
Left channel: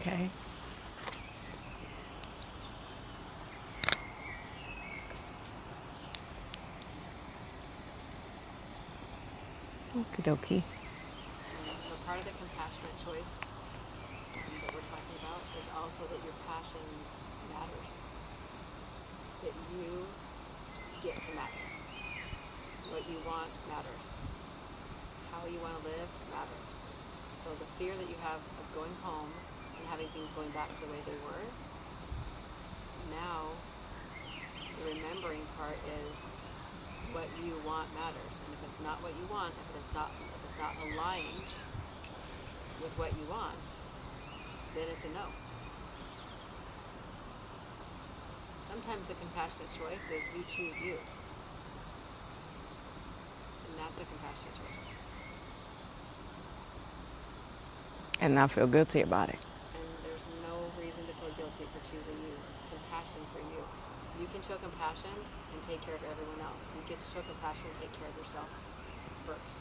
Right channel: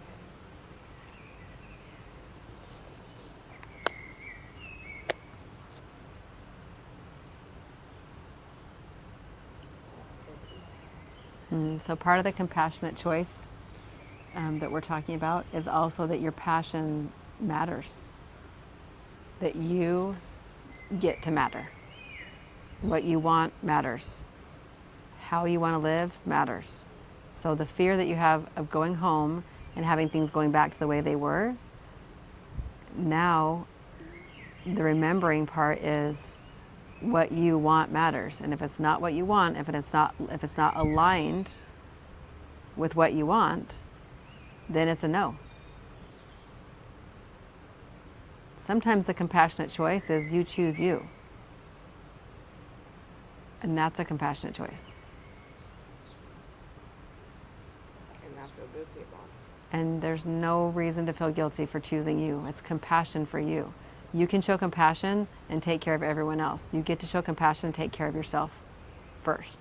Okay. Okie dokie. So part of the compassionate choice that we're talking about is also that your passion matters. That you get to matter. What you want matters. How you want to live matters. So the fear that you have of going home and having things going back to the way they were, now the remembering part is what you want matters. And if it's not what you want, if it's not aligned with what you want, then it's a no. Sometimes the compassionate choice is you choose you. And that's a compassionate choice. And not feel guilty about it. And there's no reason to feel guilty for choosing you. It's compassion for you. You can show compassion and take care of everyone else. You get to show compassion and take care of yourself first.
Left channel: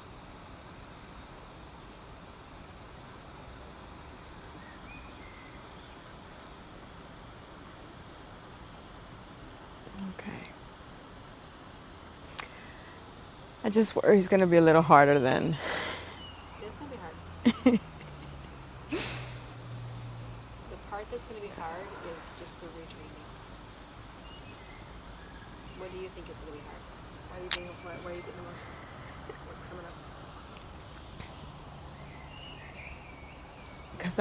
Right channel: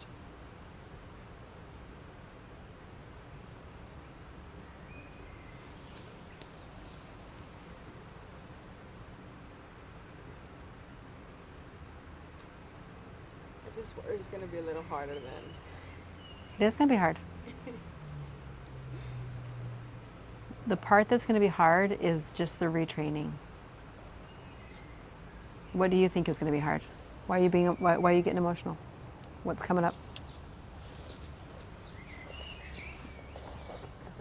Okay. I just worry it's going to be a little harder than. It is going to be hard. The part that's going to be hard is just the retraining. What do you think is going to be hard? Why are you getting emotional? What's coming up? Because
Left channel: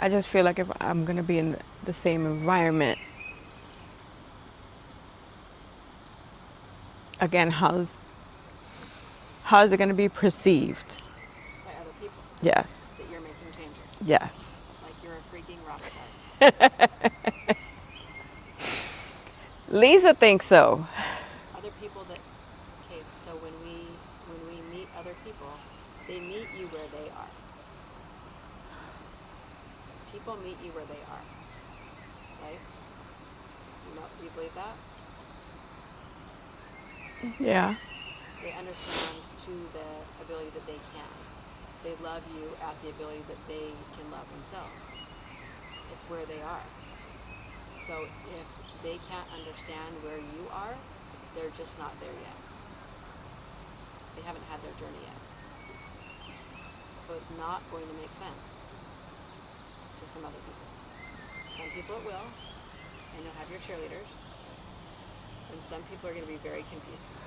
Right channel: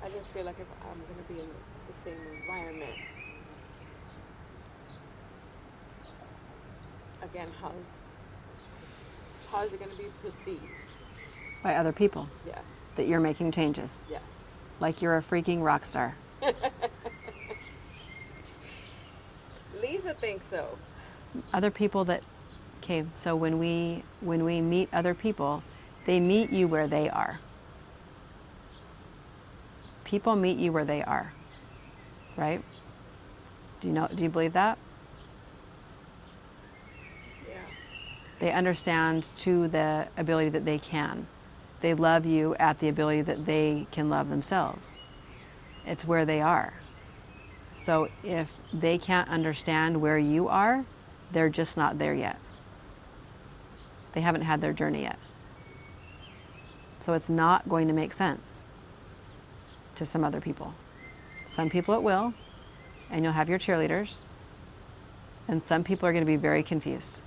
I just feel like if I'm going to be in the same environment, again, how's it going to be perceived? By other people. Yes. That you're making changes. Yes. Like you're a freaking rock star. Lisa thinks so. Other people that, okay, so when we meet other people, they meet you where they are. People meet you where they are, right? Do you believe that? Yeah. They understand to the ability that they can. They love you at the ability that they can love themselves. It's where they are. So if they can't understand where you are, they're just not there yet. They haven't had their journey yet. So it's not going to make sense to some other people. Some people it will, and you'll have your cheerleaders, and some people are going to be very confused.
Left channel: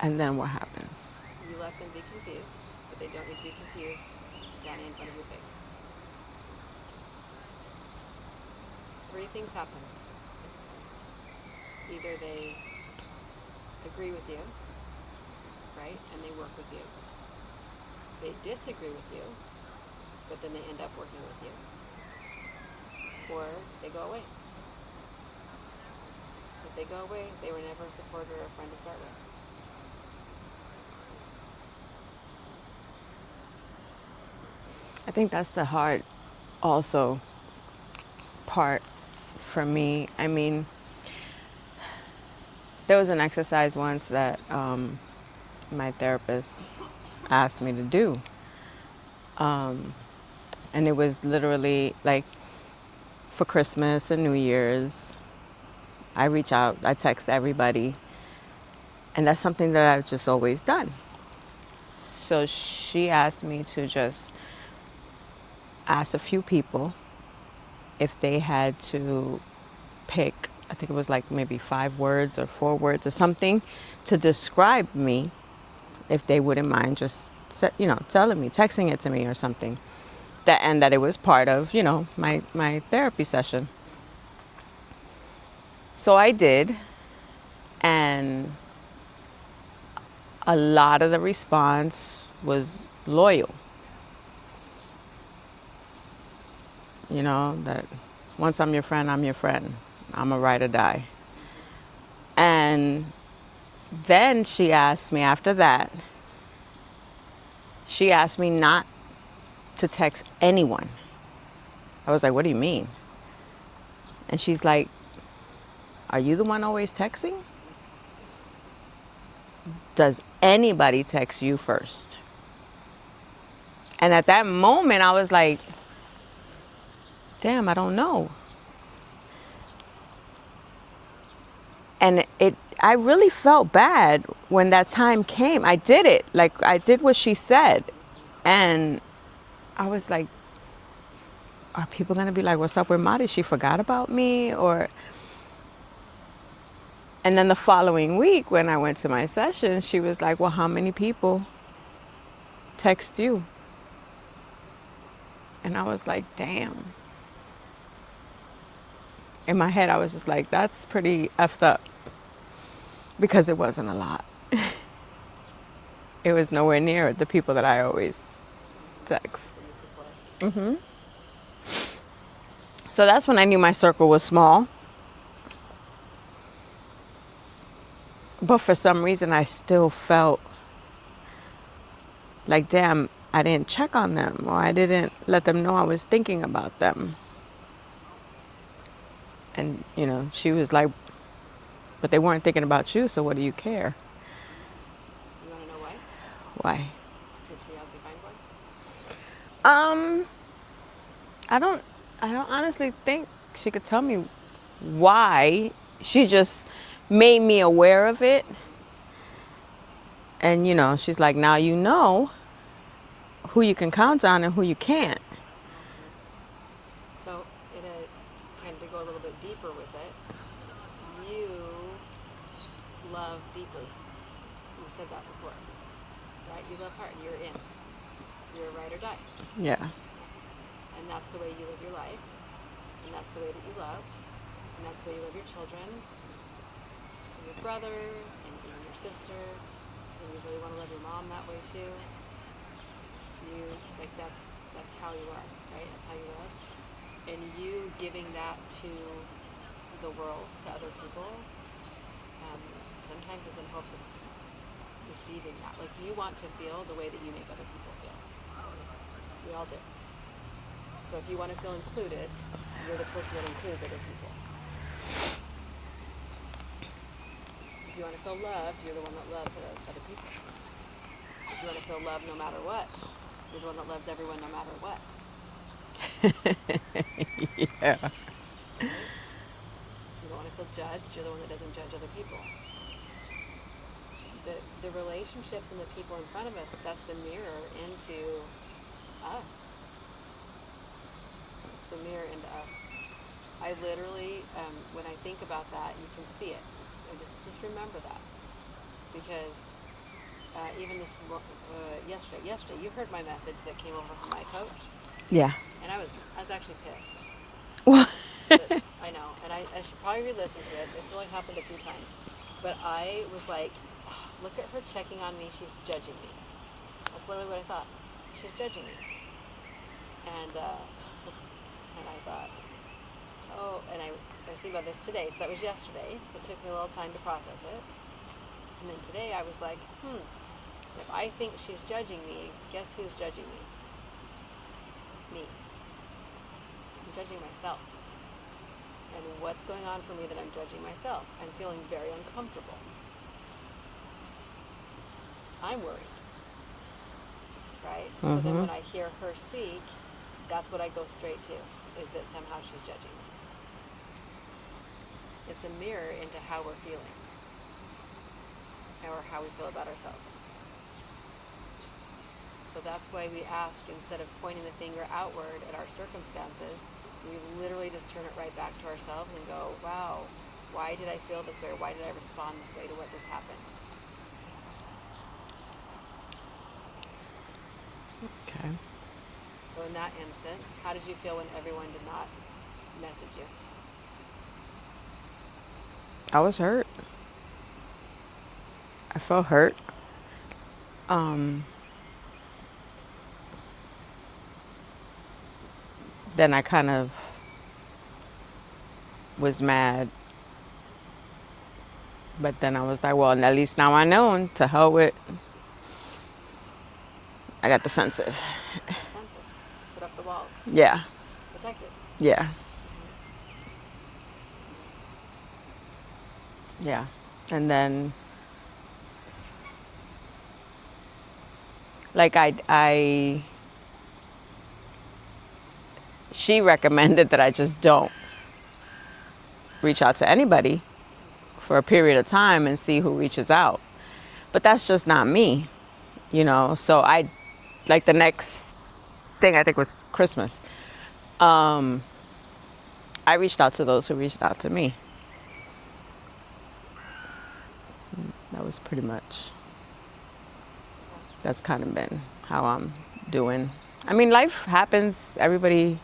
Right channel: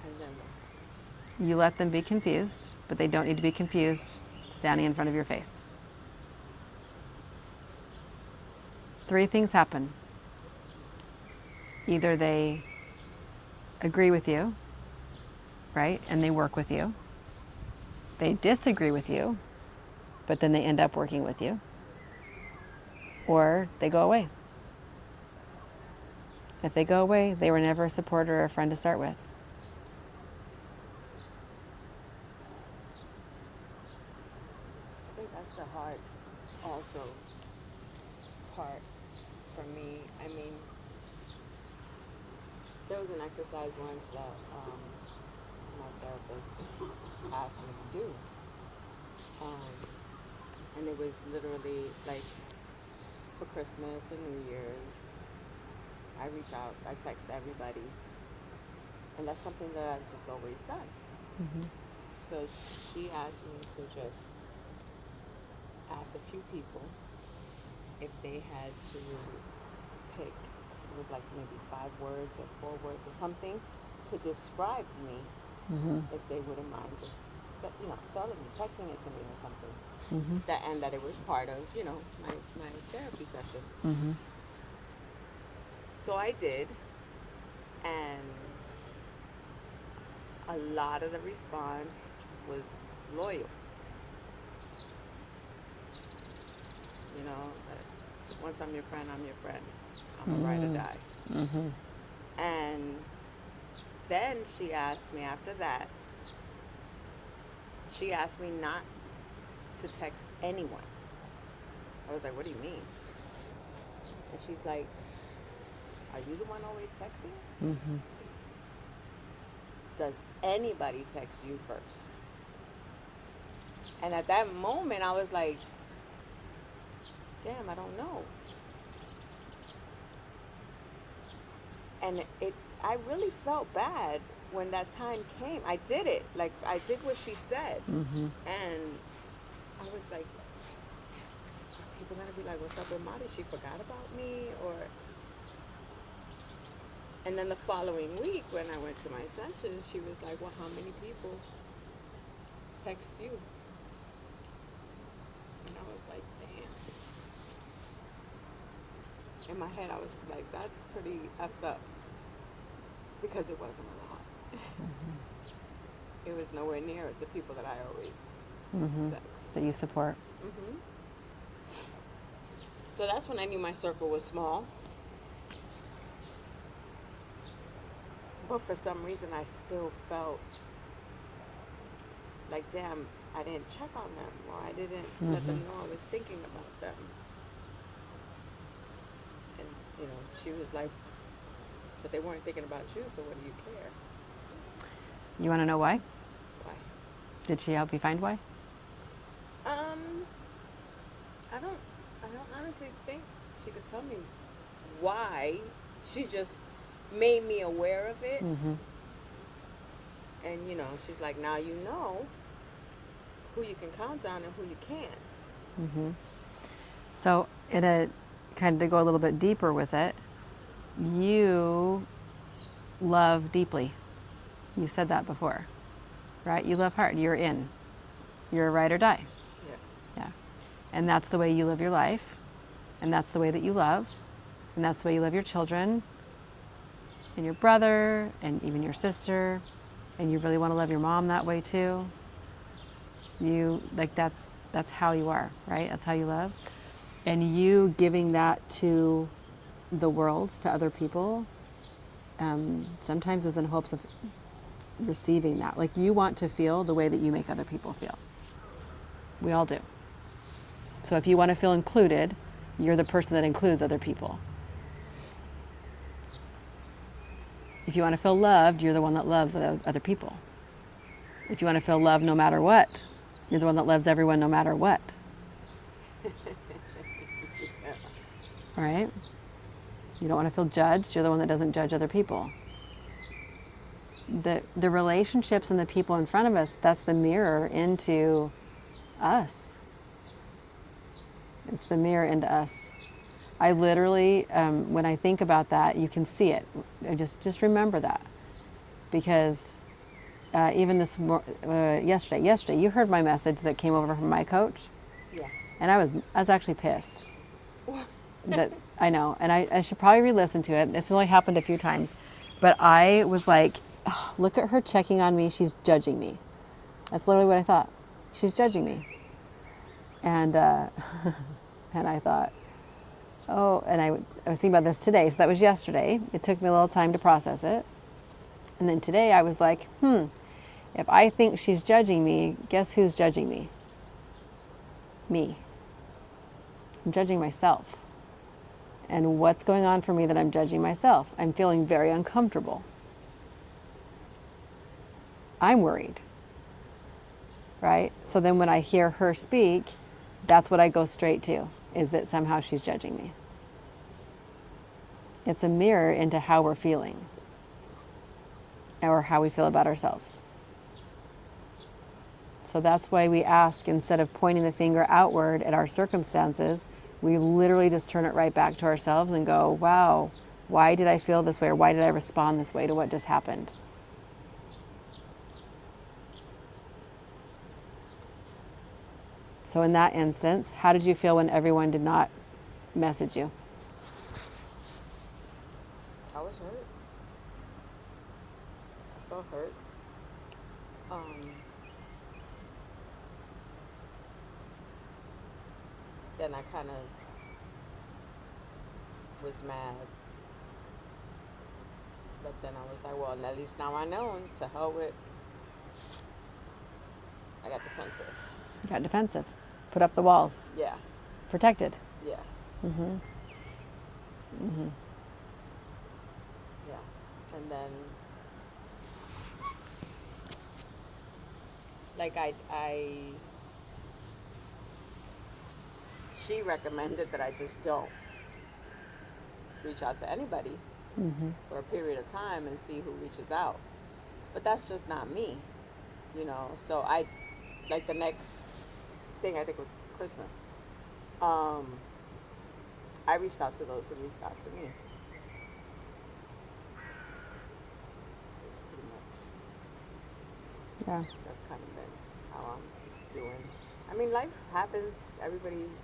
And then what happens? You let them be confused, but they don't need to be confused standing in front of your face. 3 things happen. Either they agree with you, right, and they work with you. They disagree with you, but then they end up working with you. Or they go away. If they go away, they were never a supporter or a friend to start with. I think that's the hard also part for me. I mean, there was an exercise once that my therapist asked me to do. And it was literally like for Christmas and New Year's, I reach out, I text everybody. And that's something that I've just always done. Mm-hmm. So she asked me to just ask a few people if they had to pick, I think it was like maybe 5 words or 4 words or something to describe me, if they wouldn't mind just, telling me, texting it to me or something. And that it was part of, my therapy session. So I did, and a lot of the response was loyal. That once I'm your friend, I'm your friend. I'm a ride or die. And then she asked me after that, she asked me not to text anyone. I was like, what do you mean? And she's like, are you the one always texting? Does anybody text you first? And at that moment, I was like, damn, I don't know. And I really felt bad when that time came. I did it. Like, I did what she said. And I was like, are people going to be like, what's up with Madi? She forgot about me? And then the following week, when I went to my session, she was like, well, how many people text you? And I was like, damn. In my head, I was just like, that's pretty effed up. because it wasn't a lot. It was nowhere near the people that I always text. That you support. So that's when I knew my circle was small. But for some reason, I still felt like, damn, I didn't check on them, or I didn't let them know I was thinking about them. And, you know, she was like, but they weren't thinking about you, so what do you care? You want to know why? Why? Did she help you find why? I don't honestly think she could tell me why. She just made me aware of it. And, you know, she's like, now you know who you can count on and who you can't. So, in a kind of to go a little bit deeper with it, you love deeply. You said that before, right? You love hard. You're in. You're a ride or die. Yeah. Yeah. And that's the way you live your life. And that's the way that you love. And that's the way you love your children and your brother and even your sister. And you really want to love your mom that way too. You like that's how you are, right? That's how you love. And you giving that to the world, to other people, sometimes is in hopes of receiving that. Like you want to feel the way that you make other people feel. We all do. So if you want to feel included, you're the person that includes other people. If you want to feel loved, you're the one that loves other people. If you want to feel loved no matter what, you're the one that loves everyone no matter what. Yeah. Right? You don't want to feel judged, you're the one that doesn't judge other people. The relationships and the people in front of us, that's the mirror into us. It's the mirror into us. I literally, when I think about that, you can see it. I just remember that, because even yesterday, you heard my message that came over from my coach, Yeah. and I was actually pissed. What? I know, and I should probably re-listen to it. This has only happened a few times, but I was like, oh, look at her checking on me. She's judging me. That's literally what I thought. She's judging me, and and I thought, oh, and I was thinking about this today. So that was yesterday. It took me a little time to process it, and then today I was like, if I think she's judging me, guess who's judging me? Me. I'm judging myself. And what's going on for me that I'm judging myself? I'm feeling very uncomfortable. I'm worried. Right? So then when I hear her speak, that's what I go straight to, is that somehow she's judging me. It's a mirror into how we're feeling, or how we feel about ourselves. So that's why we ask, instead of pointing the finger outward at our circumstances, we literally just turn it right back to ourselves and go, wow, why did I feel this way? Or why did I respond this way to what just happened? Okay. So in that instance, how did you feel when everyone did not message you? I was hurt. I felt hurt. Then I kind of was mad. But then I was like, well, at least now I know, and to hell with. I got defensive. Got defensive. Put up the walls. Yeah. Protected. Yeah. Yeah. And then, like, she recommended that I just don't reach out to anybody for a period of time and see who reaches out. But that's just not me, you know? So like the next thing, I think was Christmas, I reached out to those who reached out to me. That was pretty much, Yeah. that's kind of been how I'm doing. I mean, life happens. Everybody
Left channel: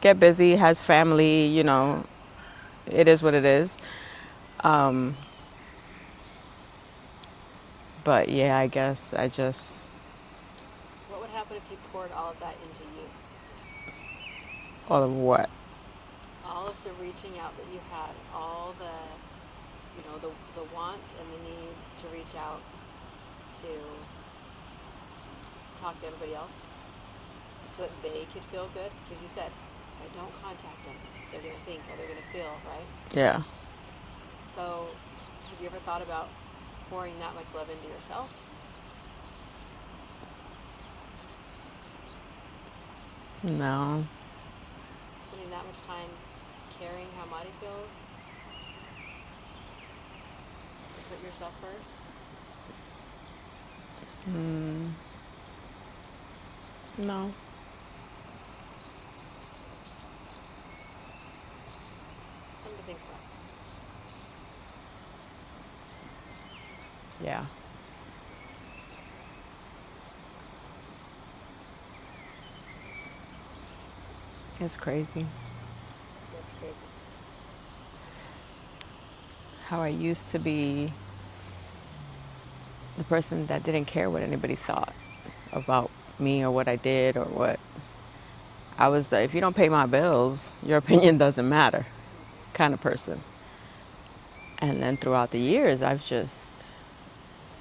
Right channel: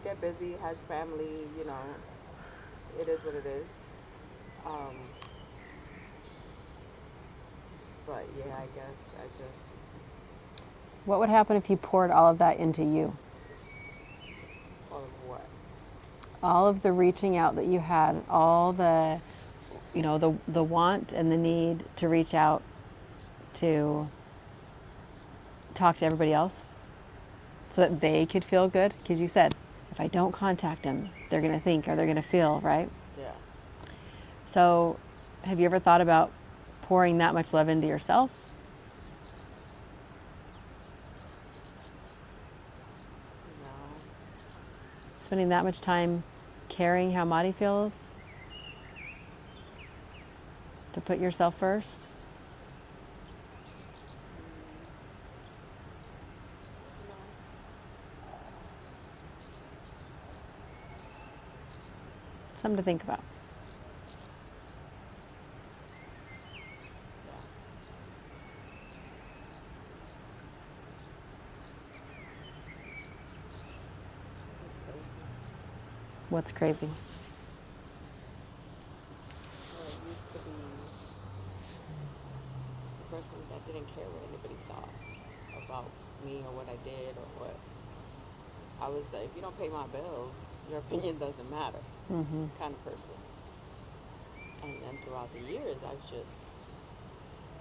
Get busy. has family, you know, it is what it is. But yeah, I guess I just, What would happen if you poured all of that into you? all of what? All of the reaching out that you had, all the, the want and the need to reach out to talk to everybody else so that they could feel good. Because you said, if I don't contact them, they're going to think or they're going to feel, right? Yeah. So have you ever thought about pouring that much love into yourself? No. Spending that much time caring how Madi feels? To put yourself first? No. Something to think about. Yeah. It's crazy What's crazy? how I used to be the person that didn't care what anybody thought about me or what I did or what I was. The if you don't pay my bills, your opinion doesn't matter kind of person. And then throughout the years, I've just,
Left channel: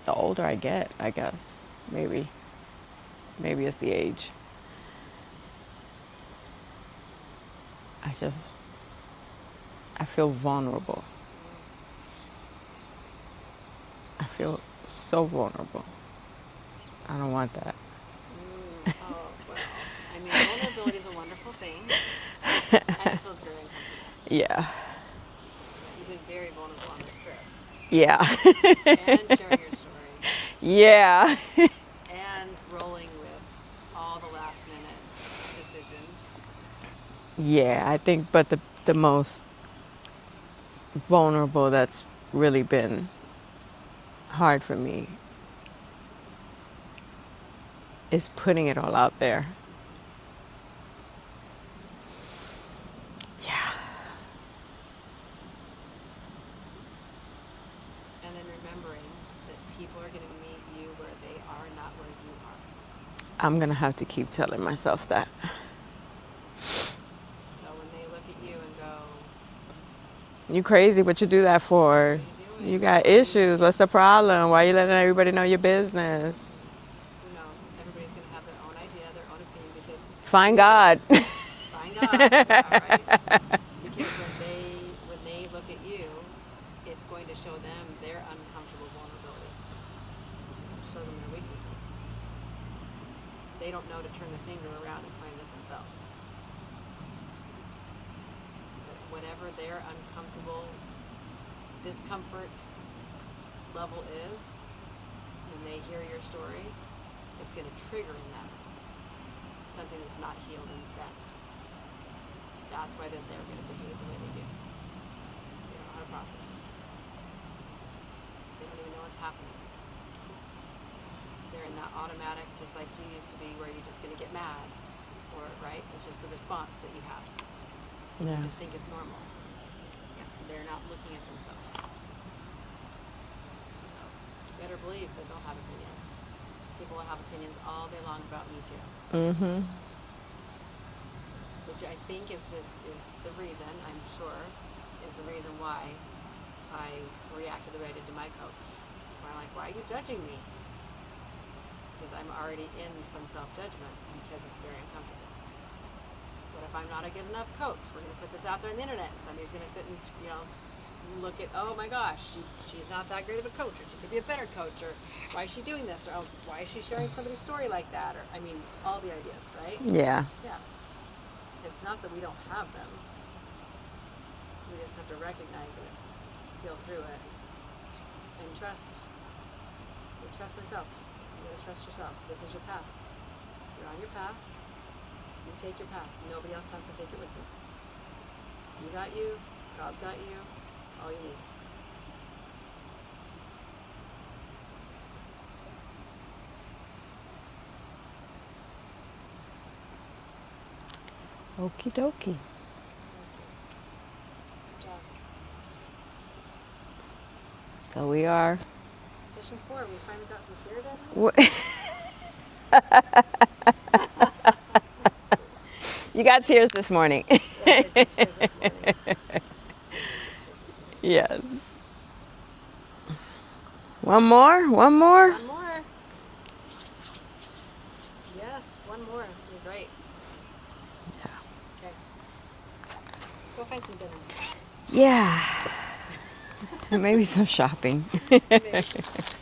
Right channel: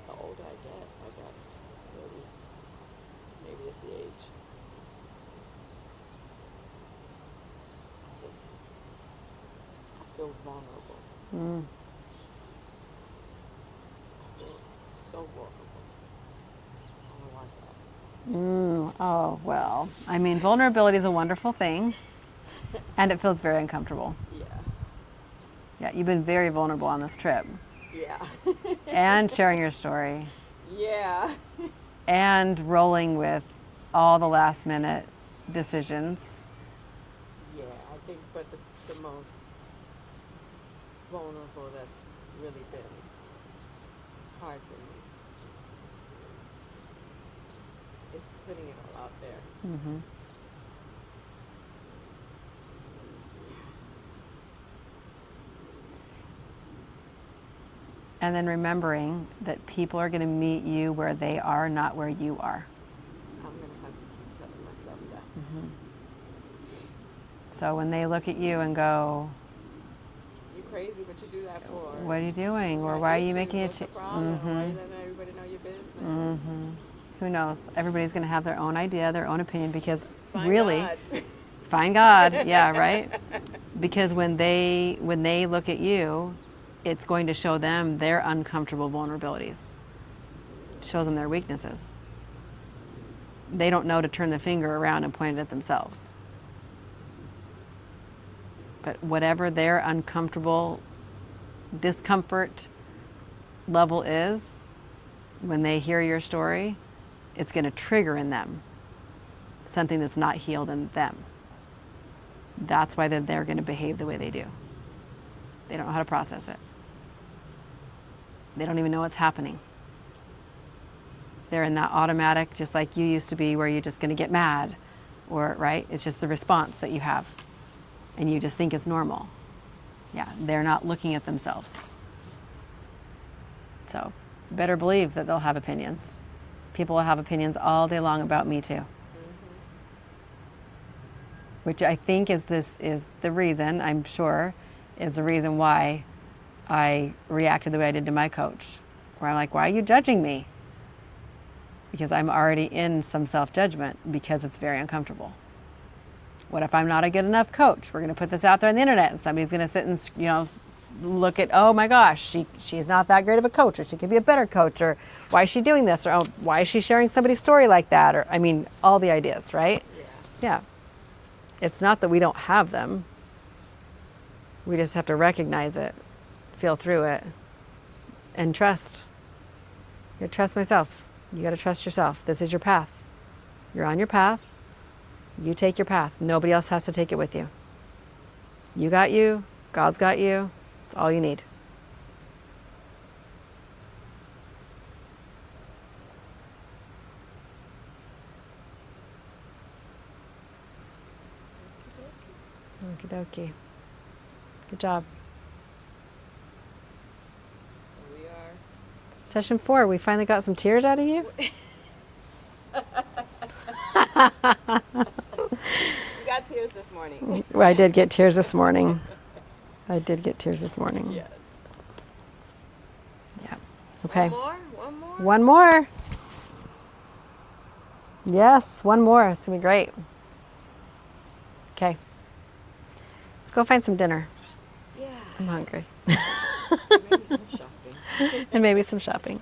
the older I get, I guess, maybe it's the age. I just, I feel vulnerable. I feel so vulnerable. I don't want that. Oh, well, I mean, vulnerability is a wonderful thing, and it feels very uncomfortable. Yeah. Yeah, you've been very vulnerable on this trip, Yeah. and sharing your story, Yeah. and rolling with all the last minute decisions. Yeah, I think, but the most vulnerable that's really been hard for me is putting it all out there. Yeah. And then remembering that people are going to meet you where they are, not where you are. I'm going to have to keep telling myself that. So when they look at you and go, You crazy, what you do that for? what are you doing? You Well, got why are you issues. making What's it? the problem? Why are you letting everybody know your business? Who knows? Everybody's going to have their own idea, their own opinion, because Find really, God. find God. Yeah, right. Because when they look at you, it's going to show them their uncomfortable vulnerabilities. It shows them their weaknesses. They don't know to turn the finger around and point it at themselves. But whatever their uncomfortable discomfort level is, when they hear your story, it's going to trigger in them something that's not healed in them. That's why they're going to behave the way they do. They don't know how to process it. They don't even know what's happening. They're in that automatic, just like you used to be, where you're just going to get mad, or, right? It's just the response that you have, and you just think it's normal. Yeah, they're not looking at themselves. So, you better believe that they'll have opinions. People will have opinions all day long about me too. Which I think is the reason, I'm sure, is the reason why I reacted the way I did to my coach. Where I'm like, why are you judging me? Because I'm already in some self-judgment because it's very uncomfortable. What if I'm not a good enough coach? We're going to put this out there on the internet and somebody's going to sit and, look at, oh my gosh, she's not that great of a coach, or she could be a better coach, or why is she doing this, or oh, why is she sharing somebody's story like that, or, I mean, all the ideas, right? Yeah. Yeah. It's not that we don't have them. We just have to recognize it, feel through it, and trust. You gotta trust myself. You gotta trust yourself. This is your path. You're on your path. You take your path. Nobody else has to take it with you. You got you. God's got you. It's all you need. Okie dokie. Okie dokie. Good job. So we are Session 4, we finally got some tears out of you? You got tears this morning. Well, I did get tears this morning. I did get tears this morning. Yes. Yeah. One more? One more? One more. Yes, one more. It's going to be great. Yeah. Okay. Let's go find some dinner. Yeah. Maybe some shopping. And maybe some shopping.